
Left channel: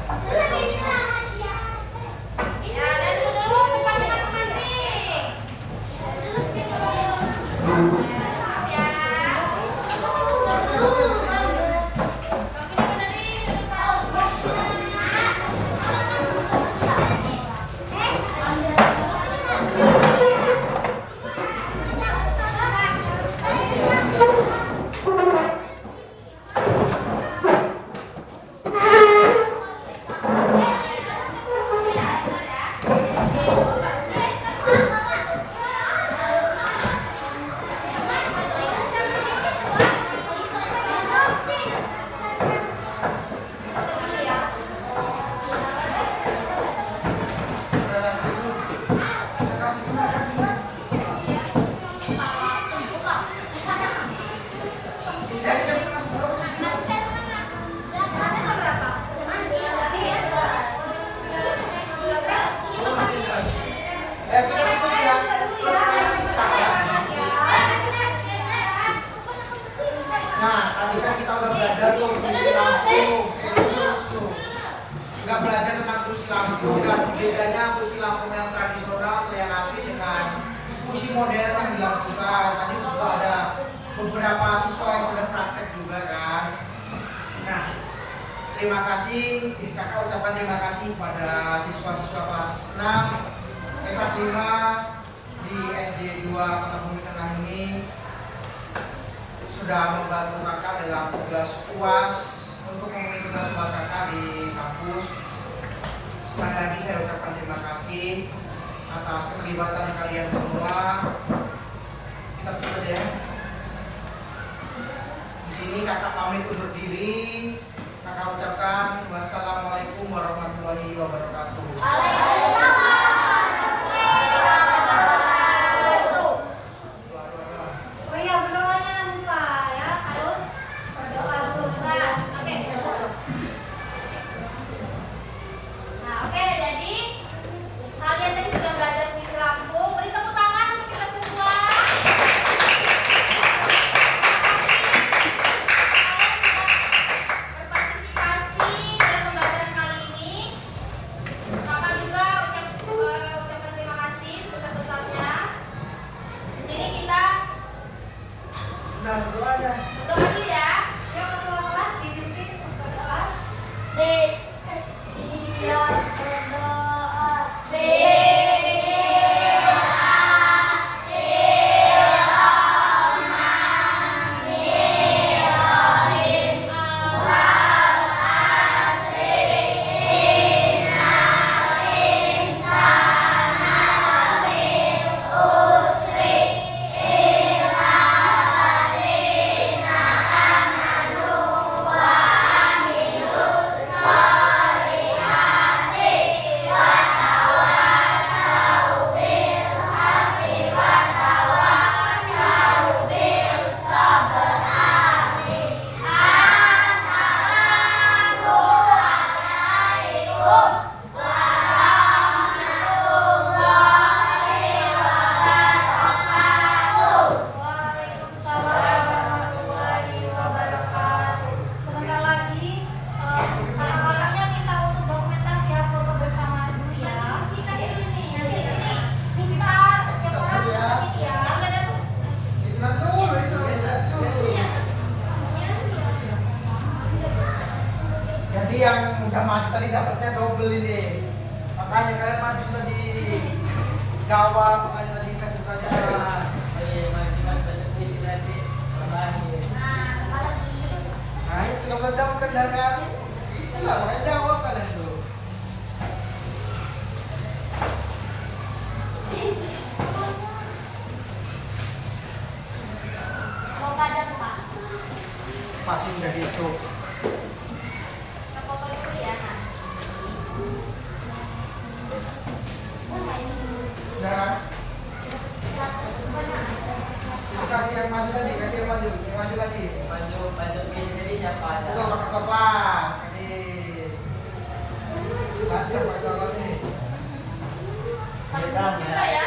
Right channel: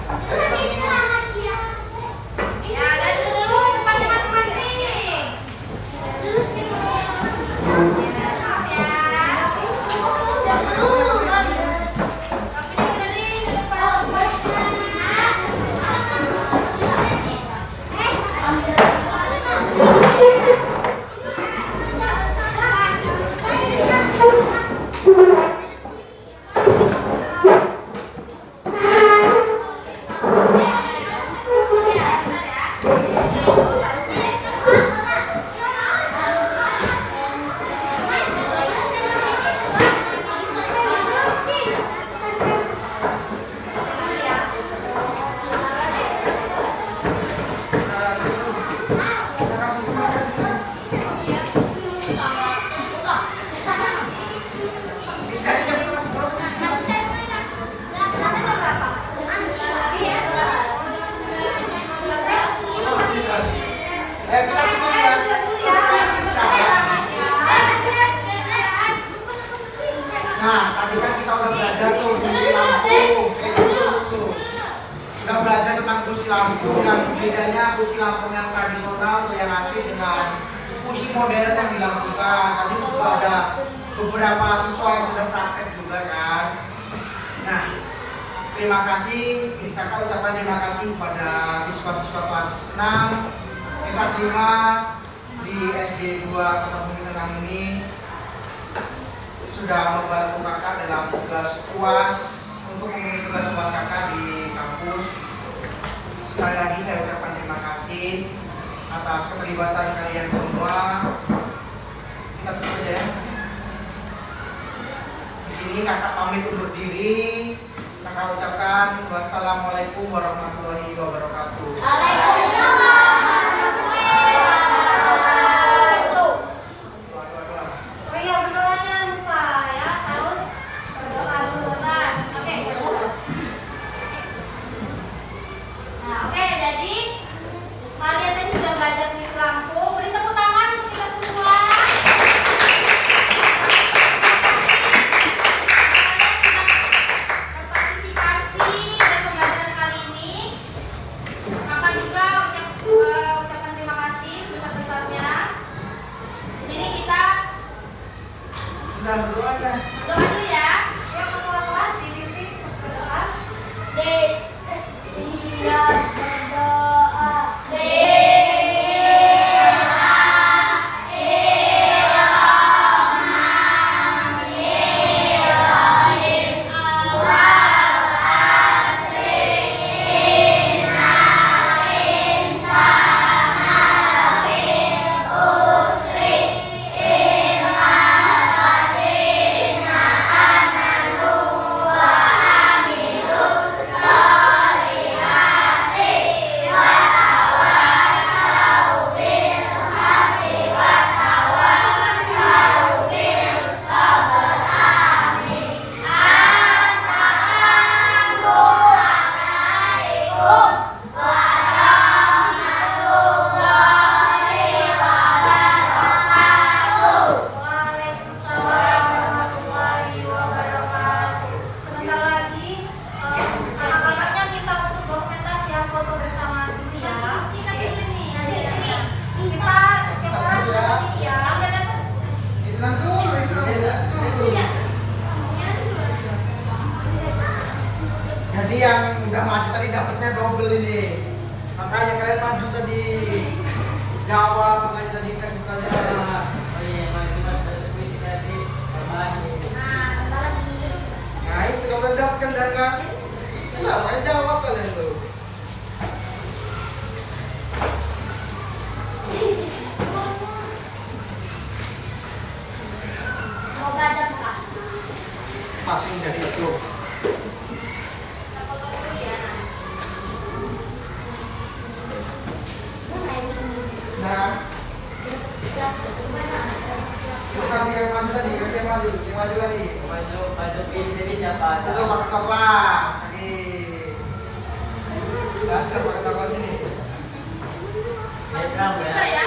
Nah, tadi kan kita udah belajar tuh fungsi lampu. Udah belajar tentang fungsi lampu dan bedanya fungsi lampu yang tradisional atau yang asli dengan fungsi modern yang dilakukan. Tadi juga ada beberapa siswa yang sudah praktek juga kan. Nah, terima kasih, kakak ucapkan terima kasih kepada siswa-siswa kelas 6, kelas 5 di SD 2 Kota Bumi Tengah ini sudah membantu kakak dalam tugas UAS untuk memenuhi tugas UAS kakak di kampus. Sekali lagi saya ucapkan terima kasih atas keterlibatan kalian semua. Kita tutup aja ya. Di sini kakak pamit undur diri. Kakak ucapkan wassalamualaikum warahmatullahi wabarakatuh. Waalaikumsalam. Oh iya, berdoanya lupa ya, harus berdoa dulu. Nah, oke, jadi kalian tadi sudah belajar fungsi lampu. Beri tepuk tangan untuk kita semua. Berpartisipasi pada pembelajaran kali ini. Kakak juga ucapkan terima kasih sebesar-besarnya. Di sini kita Udah berdoa ya. berdoa dulu ya. Yang ketua kelas dibimbing berdoa. Siap berdoa. Waalaikumsalam warahmatullahi wabarakatuh. Sebentar lagi anak-anaknya minta untuk dokumentasi ya, foto bersama dulu ya. Nanti ini kita setiap orang foto ya. Udah dapat. Kita dulu. Iya. Jadi yang udah maju tadi dapatnya double ini. Makanya kalian maju tadi. Jawab, makanya tadi kesukaannya. Oh iya, mas ada puisi tadi tambahan nih. Nah, lagi. Nah itu kalau kalian dapat kendarakan, iya makanya jawab kalian tuh. Semoga ada Pak. Masih jadi itu. Kita foto dulu ya. Nah, itu kasih yang maju tadi, kasih yang maju lagi. Maju pilih siapa ada. Itu pakai kelas, kaki. Lanjut pakai kelas ini. Kita ya.